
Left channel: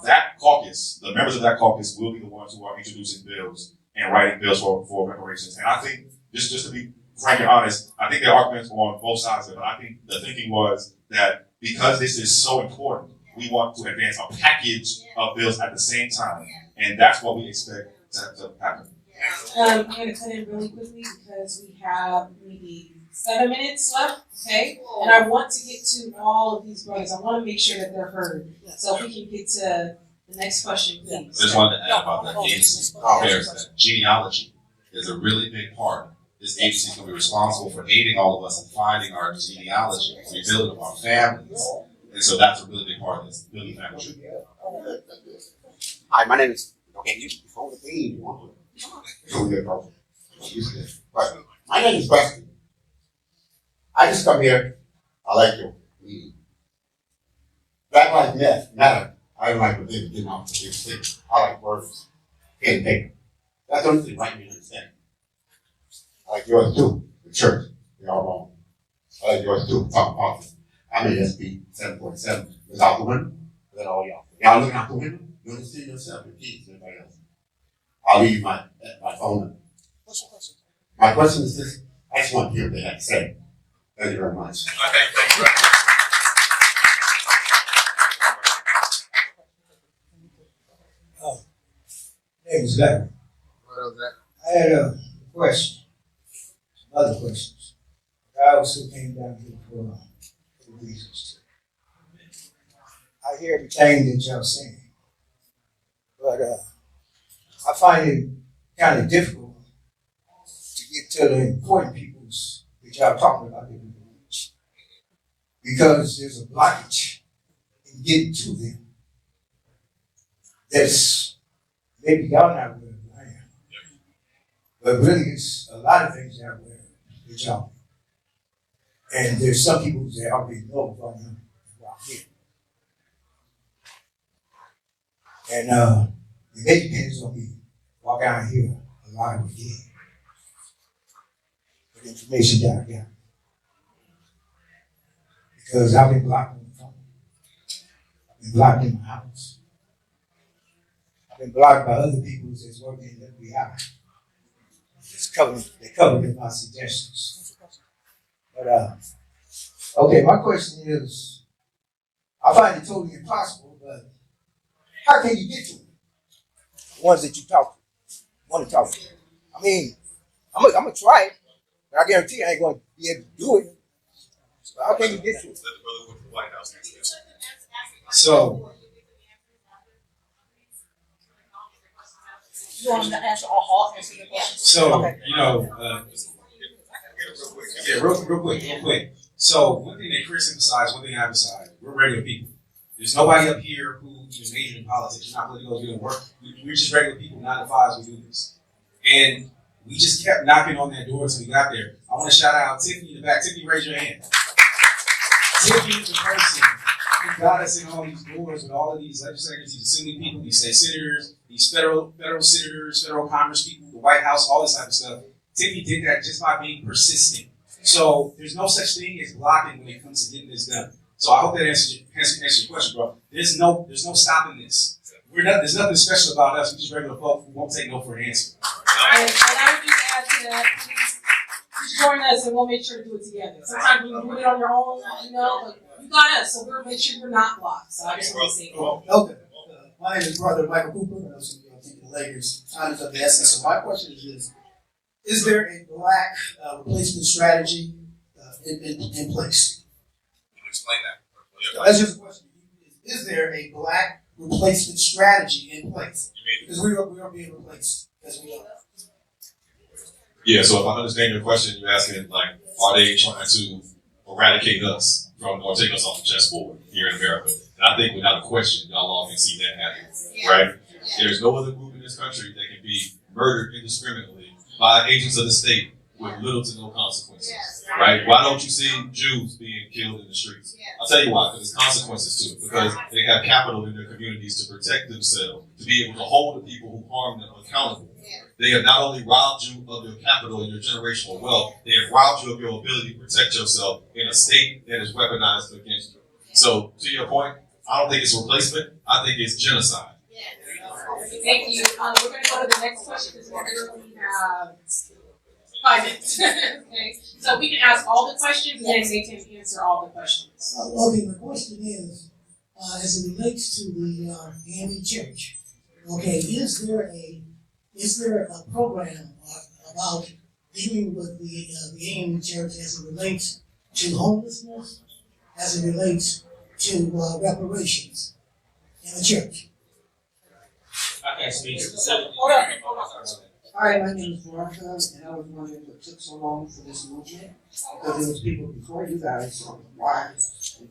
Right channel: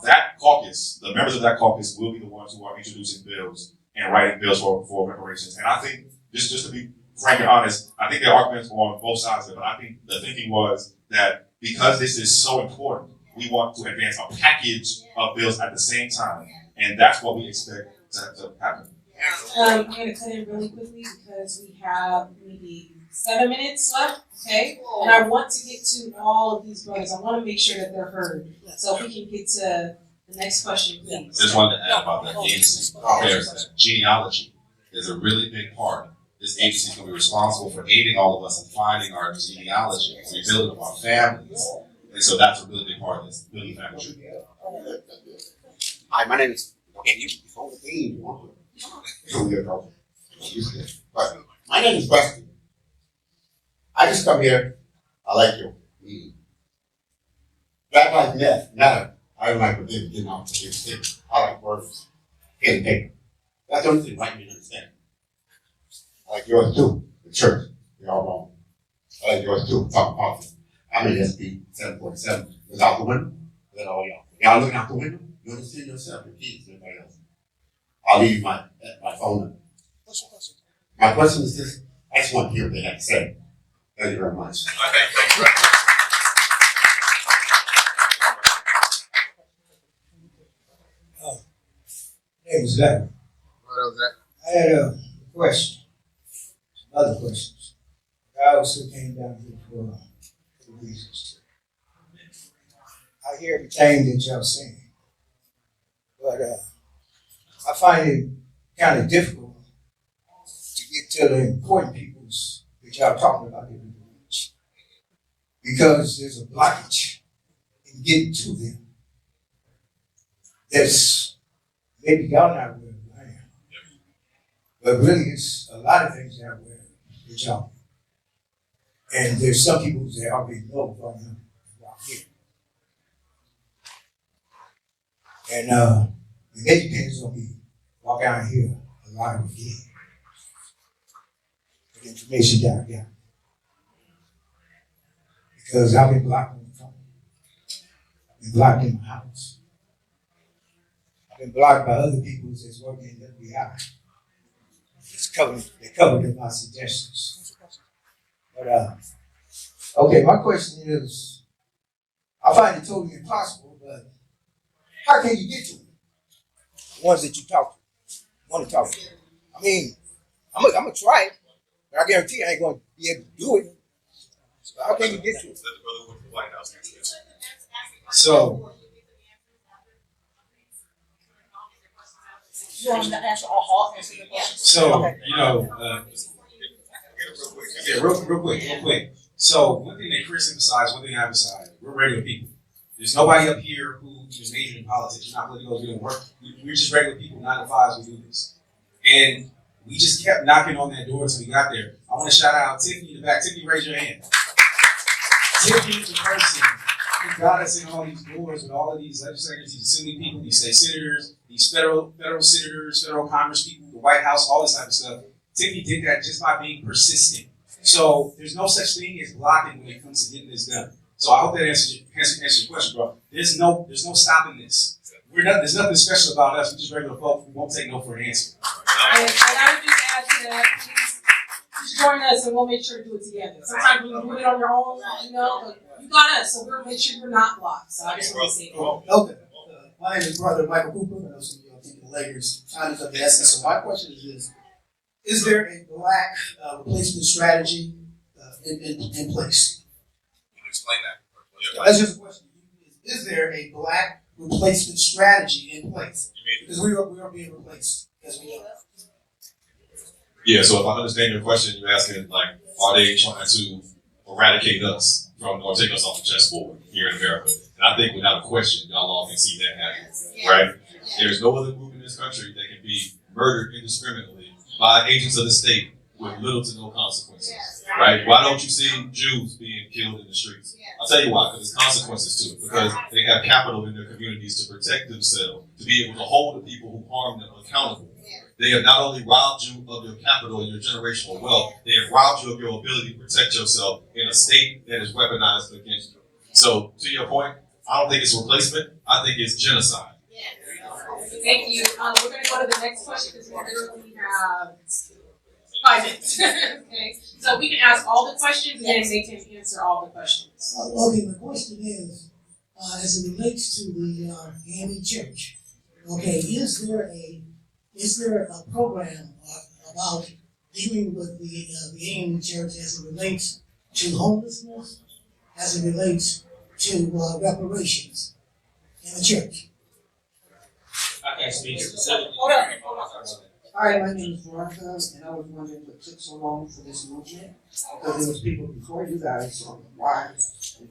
That caucus, the members of that caucus will be the ones who are introducing bills and writing bills for reparations. And I think, just to be frank and honest, I think there are arguments on both sides of it, but I think the thinking was that because this is so important, we want to advance a package of bills at the same time. And that's what we expect to happen. I'm going to cut it really quickly because we have maybe 7 minutes left, okay? And I want to get to all of these brothers. I want to make sure that they're heard. So if we can get to the next question, please. I just wanted to add about the agency. There's the genealogy is a really big part. This agency can be responsible for aiding all of us in finding our genealogy, rebuilding of our families. And so that's a really big part of this building family. Hi, my name is My name is Preston. I just come here. I like your meeting. Black Lives Matter. I don't like what they're getting off the stick. I like words. Pen and paper. That's the only thing right to understand. I like yours too. The church. We all wrong. I like yours too. Talk about it. I mean, it's 747. Was out the window. Y'all looking out the window? Don't just send yourself, your kids, and everybody else. I'll leave you my phone number. My question is this, I just want to hear what they have to say. Thank you very much. Hey, Zach. What else, Zach? I had a question. Some other questions. I also came down here for reasons. I hear everything that y'all saying, but I find it kind of difficult to get to the important peoples that y'all talking about here in the village, because there's a blockage in getting to them. That's maybe y'all not where I am, but really it's a lot of things out there that y'all. And there's some people that already know right now about here. And it depends on me. Walk out here a lot of again. The information down here. Because I've been blocked on the phone. I've been blocked in my house. I've been blocked by other people that's working in the FBI. They covered my suggestions. But okay, my question is, I find it totally impossible, but how can you get to it? The ones that you want to talk to. I mean, I'm gonna try it, but I guarantee I ain't gonna be able to do it. So how can you get to it? So You want to answer all hot? So, you know, real quick. So, one thing that Chris emphasized, one thing I emphasized, we're regular people. There's nobody up here who is majored in politics. We're not political, doing work. We're just regular people, 9 to 5s, we do this. And we just kept knocking on that door until we got there. I want to shout out Tiffany in the back. Tiffany, raise your hand. Tiffany is the person who got us in all these doors with all of these legislators, these assembly people, these state senators, these federal senators, federal Congress people, the White House, all this type of stuff. Tiffany did that just by being persistent. So there's no such thing as blocking when it comes to getting this done. So I hope that answers your question, bro. There's no stopping this. There's nothing special about us. We're just regular folks. We won't take no for an answer. And I would just add to that, just join us and we'll make sure to do it together. Sometimes you do it on your own, but you got us, so we'll make sure you're not blocked. So I just want to say that. okay. My name is Brother Michael Cooper. I'm some people layers, founders of the essence. So my question is there a black replacement strategy in place? Explain that. That's just a question. Is there a black replacement strategy in place? Because we are being replaced. As we know. Yeah, so if I understand your question, you're asking, like, are they trying to eradicate us from, or take us off the chessboard here in America? And I think without a question, y'all all can see that happen, right? There's no other group in this country that can be murdered indiscriminately by agents of the state with little to no consequences, right? Why don't you see Jews being killed in the streets? I'll tell you why, because there's consequences to it, because they have capital in their communities to protect themselves, to be able to hold the people who harm them accountable. They have not only robbed you of your capital and your generational wealth, they have robbed you of your ability to protect yourself in a state that is weaponized against you. So, to your point, I don't think it's replacement, I think it's genocide. Thank you. We're going to go to the next question because we literally have 5 minutes. Okay, so we can ask all the questions and then they can answer all the questions. Okay, my question is, as it relates to the AME Church, okay, is there a program about dealing with the AME Church as it relates to homelessness, as it relates to reparations in the church? I can speak specifically. Hi, my name is Martha, and I was wondering if it took so long for this movement, because there was people before you guys who required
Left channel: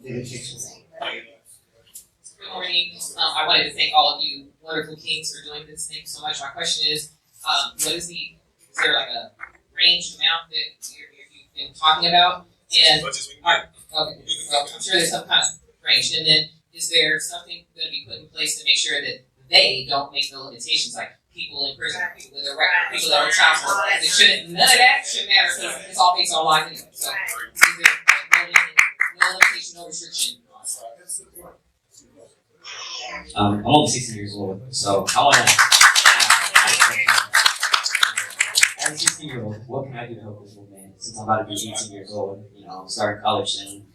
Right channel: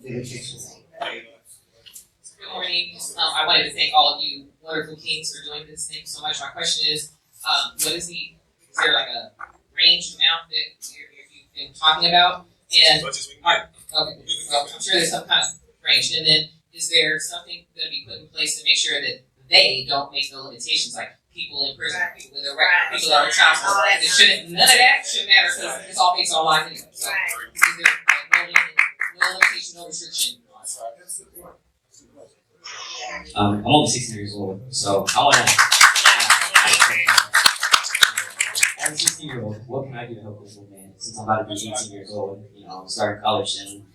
dedication. Good morning. I wanted to thank all of you wonderful kings for doing this. Thank you so much. My question is there like a range amount that you've been talking about? And I'm sure there's some kind of range. And then is there something going to be put in place to make sure that they don't make the limitations, like people in prison, people with their record, people that are child support? None of that should matter because it's all based on life. So is there no limitation, no restriction? I'm only 16 years old, so I want to. As a 16-year-old, what can I do to help this movement? Since I'm about to be 18 years old, you know, I'm starting college soon.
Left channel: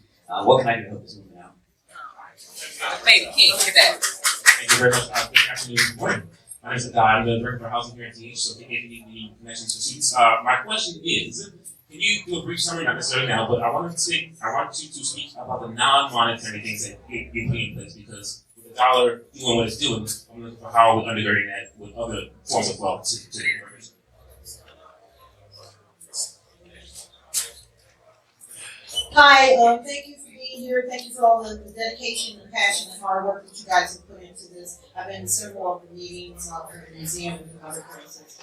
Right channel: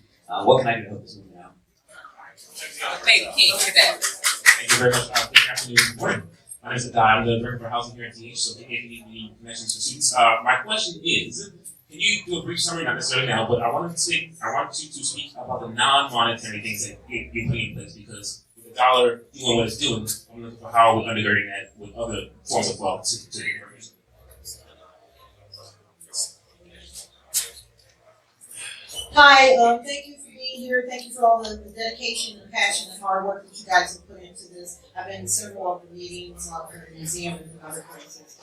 What can I do to help this movement out? Thank you very much. Good afternoon. My name is Don. I'm the Director for Housing here at TH, so can you give me connections to students? My question is, can you do a brief summary, not necessarily now, but I want you to speak about the non-monetary things that you put in place, because the dollar doing what it's doing, I'm looking for how we're undergirding that with other forms of wealth to the organization. Hi, thank you for being here. Thank you for all the dedication and passion and hard work that you guys have put into this. I've been in several of the meetings at the museum and other places.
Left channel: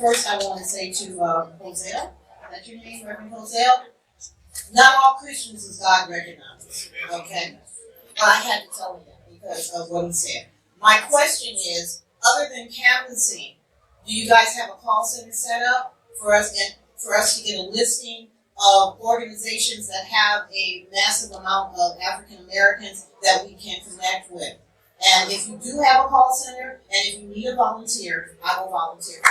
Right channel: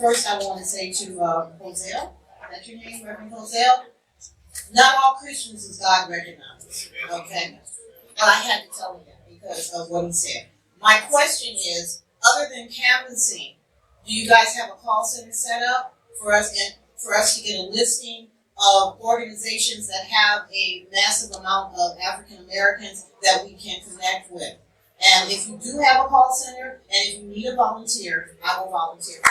First, I want to say to Hosea, that's your name, Reverend Hosea? Not all Christians is God recognized, okay? But I had to tell him that because of what he said. My question is, other than canvassing, do you guys have a call center set up for us to get a listing of organizations that have a massive amount of African Americans that we can connect with? And if you do have a call center, and if you need a volunteer, I will volunteer. I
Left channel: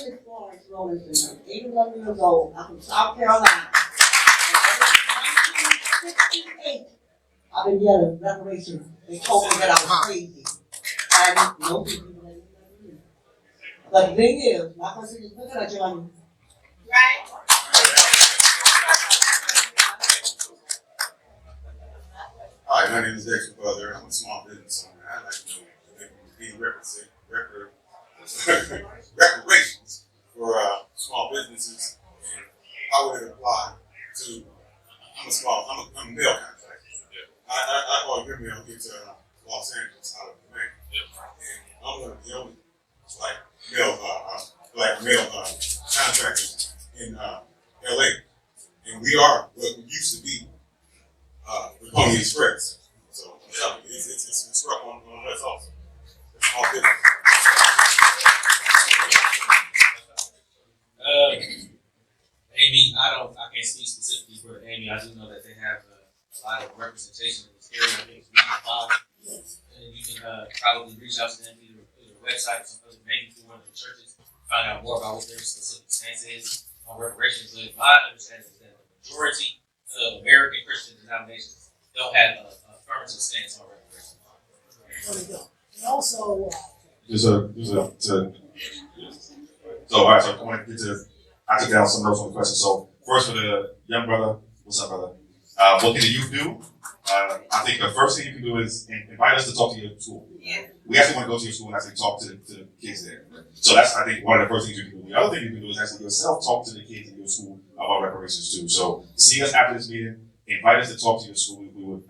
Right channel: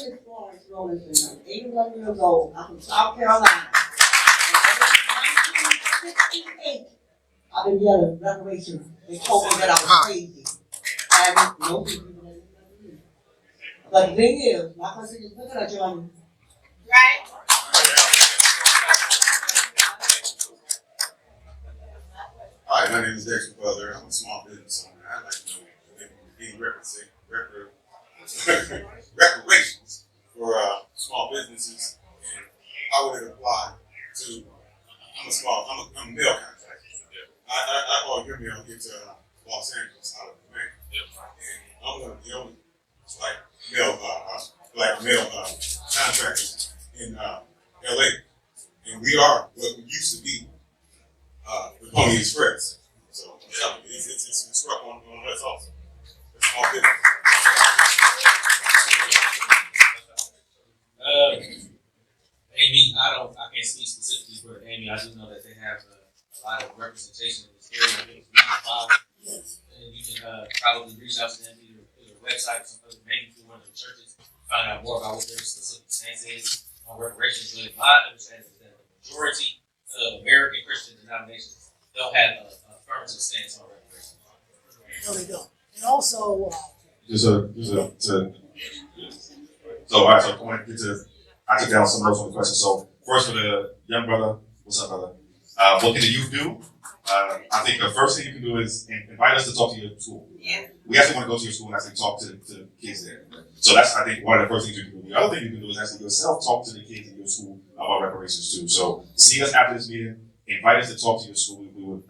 live in Florence, Louisiana. I'm 81 years old. I'm from South Carolina. And ever since 1968, I've been yelling reparations. They told me that I was crazy. And nope. But the thing is, my question is, look at Johnny. Right? Hi, my name is Dexter Butler. I'm a small business owner. I like to being reparations for small businesses, and how would it apply to? I'm a mail contractor. I go and get mail into Los Angeles out of the bank, and I'm one of the only mail contractors in LA, and we are what we used to be. The Pony Express. So yeah, it's rough on that's awesome. All good. Amy, I can't speak specifically for Amy. I do know that they have a lot of representation in this area. And you can probably reach out to them through the website, maybe through one of the churches, find out more about what their specific stance is on reparations. But I understand that the majority of American Christian denominations don't have a affirmative stance on reparations. No, they don't. And also, all right, so come on, I took down some notes on the questions. So first, from the young brother, what's up, brother? What can the youth do? I think the first thing you can do is invite us to talk to your school. Yeah. We actually want to go to your school and actually talk to the kids there. So that's, I think, one of the first things you can do. The other thing you can do is actually yourself talk to the kids in your school about reparations too. So see us after this meeting, invite us to talk to your school.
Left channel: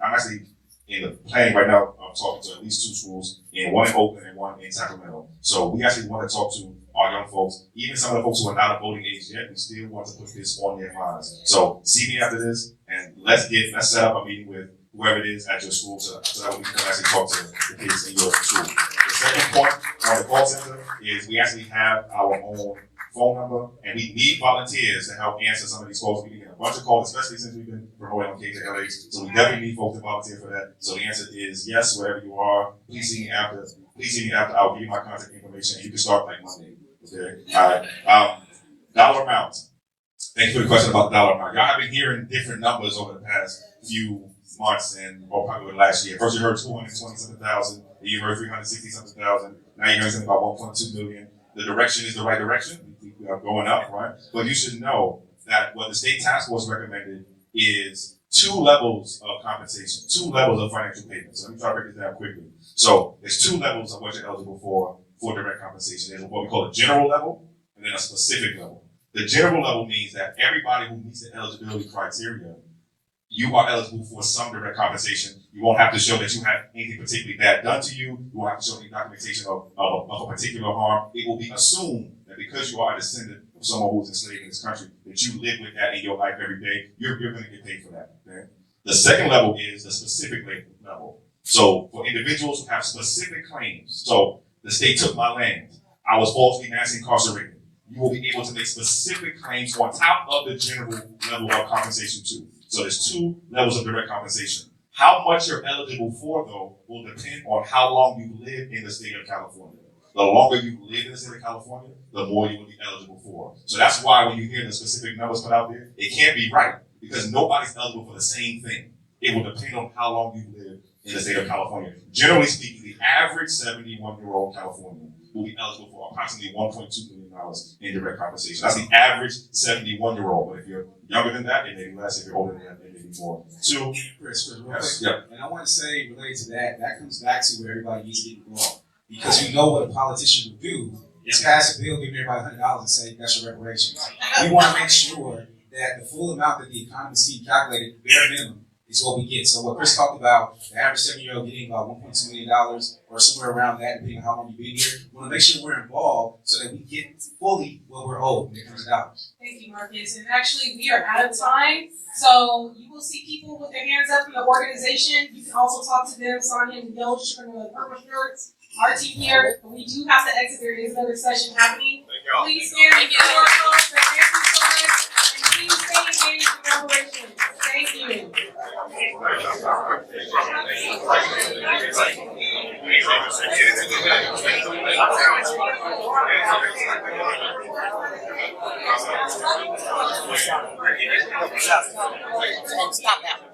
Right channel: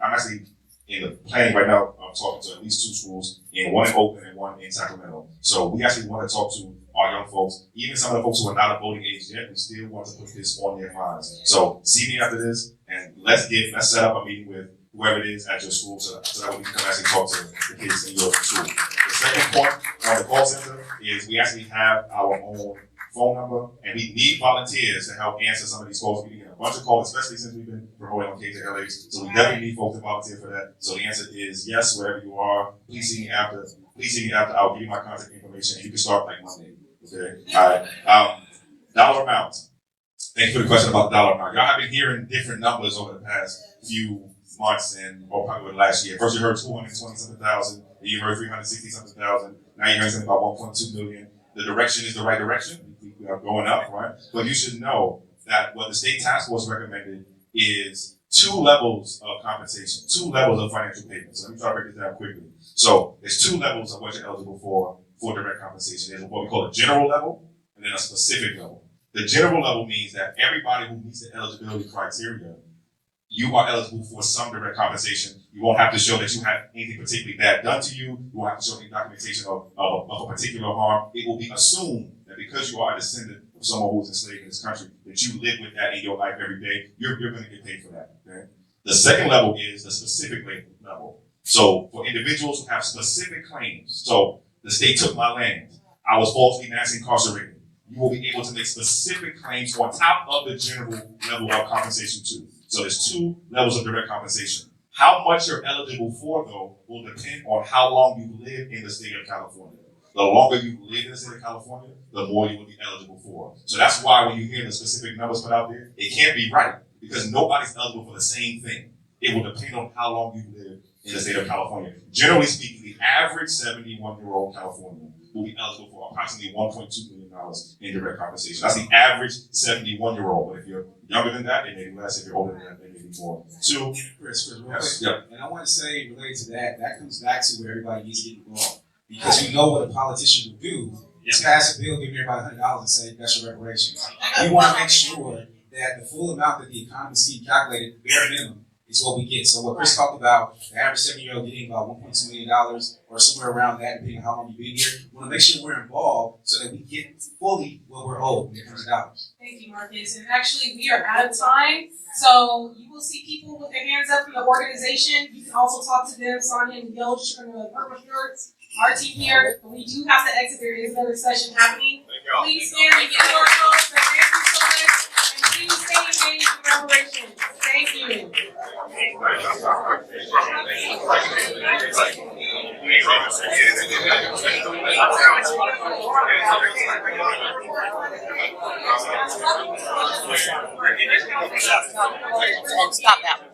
I'm actually in the planning right now of talking to at least 2 schools, and one in Oakland and one in Sacramento. So we actually want to talk to our young folks, even some of the folks who are not at voting age yet. We still want to put this on their minds. So see me after this, and let's set up a meeting with whoever it is at your school so that we can actually talk to the kids in your school. The second point on the call center is we actually have our own phone number, and we need volunteers to help answer some of these calls. We get a bunch of calls, especially since we've been promoting on KJLH. So we definitely need folks to volunteer for that. So the answer is yes, wherever you are. Please see me after. I'll give you my contact information. You can start like Monday. Okay. All right. Dollar amount. Thank you for the question about the dollar amount. Y'all have been hearing different numbers over the past few months and probably last year. First you heard 220-something thousand, then you heard 360-something thousand. Now you're hearing something about 1.2 million. The direction is the right direction. We are going up, right? But you should know that what the state task force recommended is 2 levels of compensation, 2 levels of financial payments. Let me try to break this down quickly. So there's 2 levels of what you're eligible for direct compensation. There's what we call a general level and then a specific level. The general level means that everybody who meets the eligibility criteria, you are eligible for some direct compensation. You won't have to show that you have anything particularly bad done to you. You won't have to show any documentation of a particular harm. It will be assumed that because you are a descendant of someone who was enslaved in this country, that you live with that in your life every day. You're going to get paid for that. Okay? The second level is the specific level. So for individuals who have specific claims, so the state took my land, I was falsely mass incarcerated, you will be able to make specific claims on top of the general level of compensation too. So there's two levels of direct compensation. How much you're eligible for, though, will depend on how long you live in the state of California. The longer you live in the state of California, the more you will be eligible for. So that's why when you hear the specific numbers put out there, it can't be right because nobody's eligible for the same thing. It will depend on how long you live in the state of California. Generally speaking, the average 71-year-old Californian will be eligible for approximately $1.2 million in direct compensation. That's the average 71-year-old. But if you're younger than that, it may be less. If you're older than that, it may be more. Two. Chris, real Yes. quick. Yep. And I want to say, related to that, that comes back to where everybody needs to get involved. Because you know what a politician will do is pass a bill, give everybody $100 and say, that's your reparations. We want to make sure that the full amount that the economy is being calculated, bare minimum, is what we get. So what Chris talked about, the average 70-year-old getting about $1.2 million or somewhere around that, depending on how long you've been here, we want to make sure we're involved so that we get fully what we're owed when it comes to dollars. Thank you, Marcus. And actually, we are out of time. So you will see people with their hands up in the organization. You can also talk to them, Sonia and Gilch from the Purple Shirts, our team here. But we do have to exit. There is another session happening. Please stand and give our conference. Thank you so much. And please stay engaged in reparations. Thank you. Stop that one.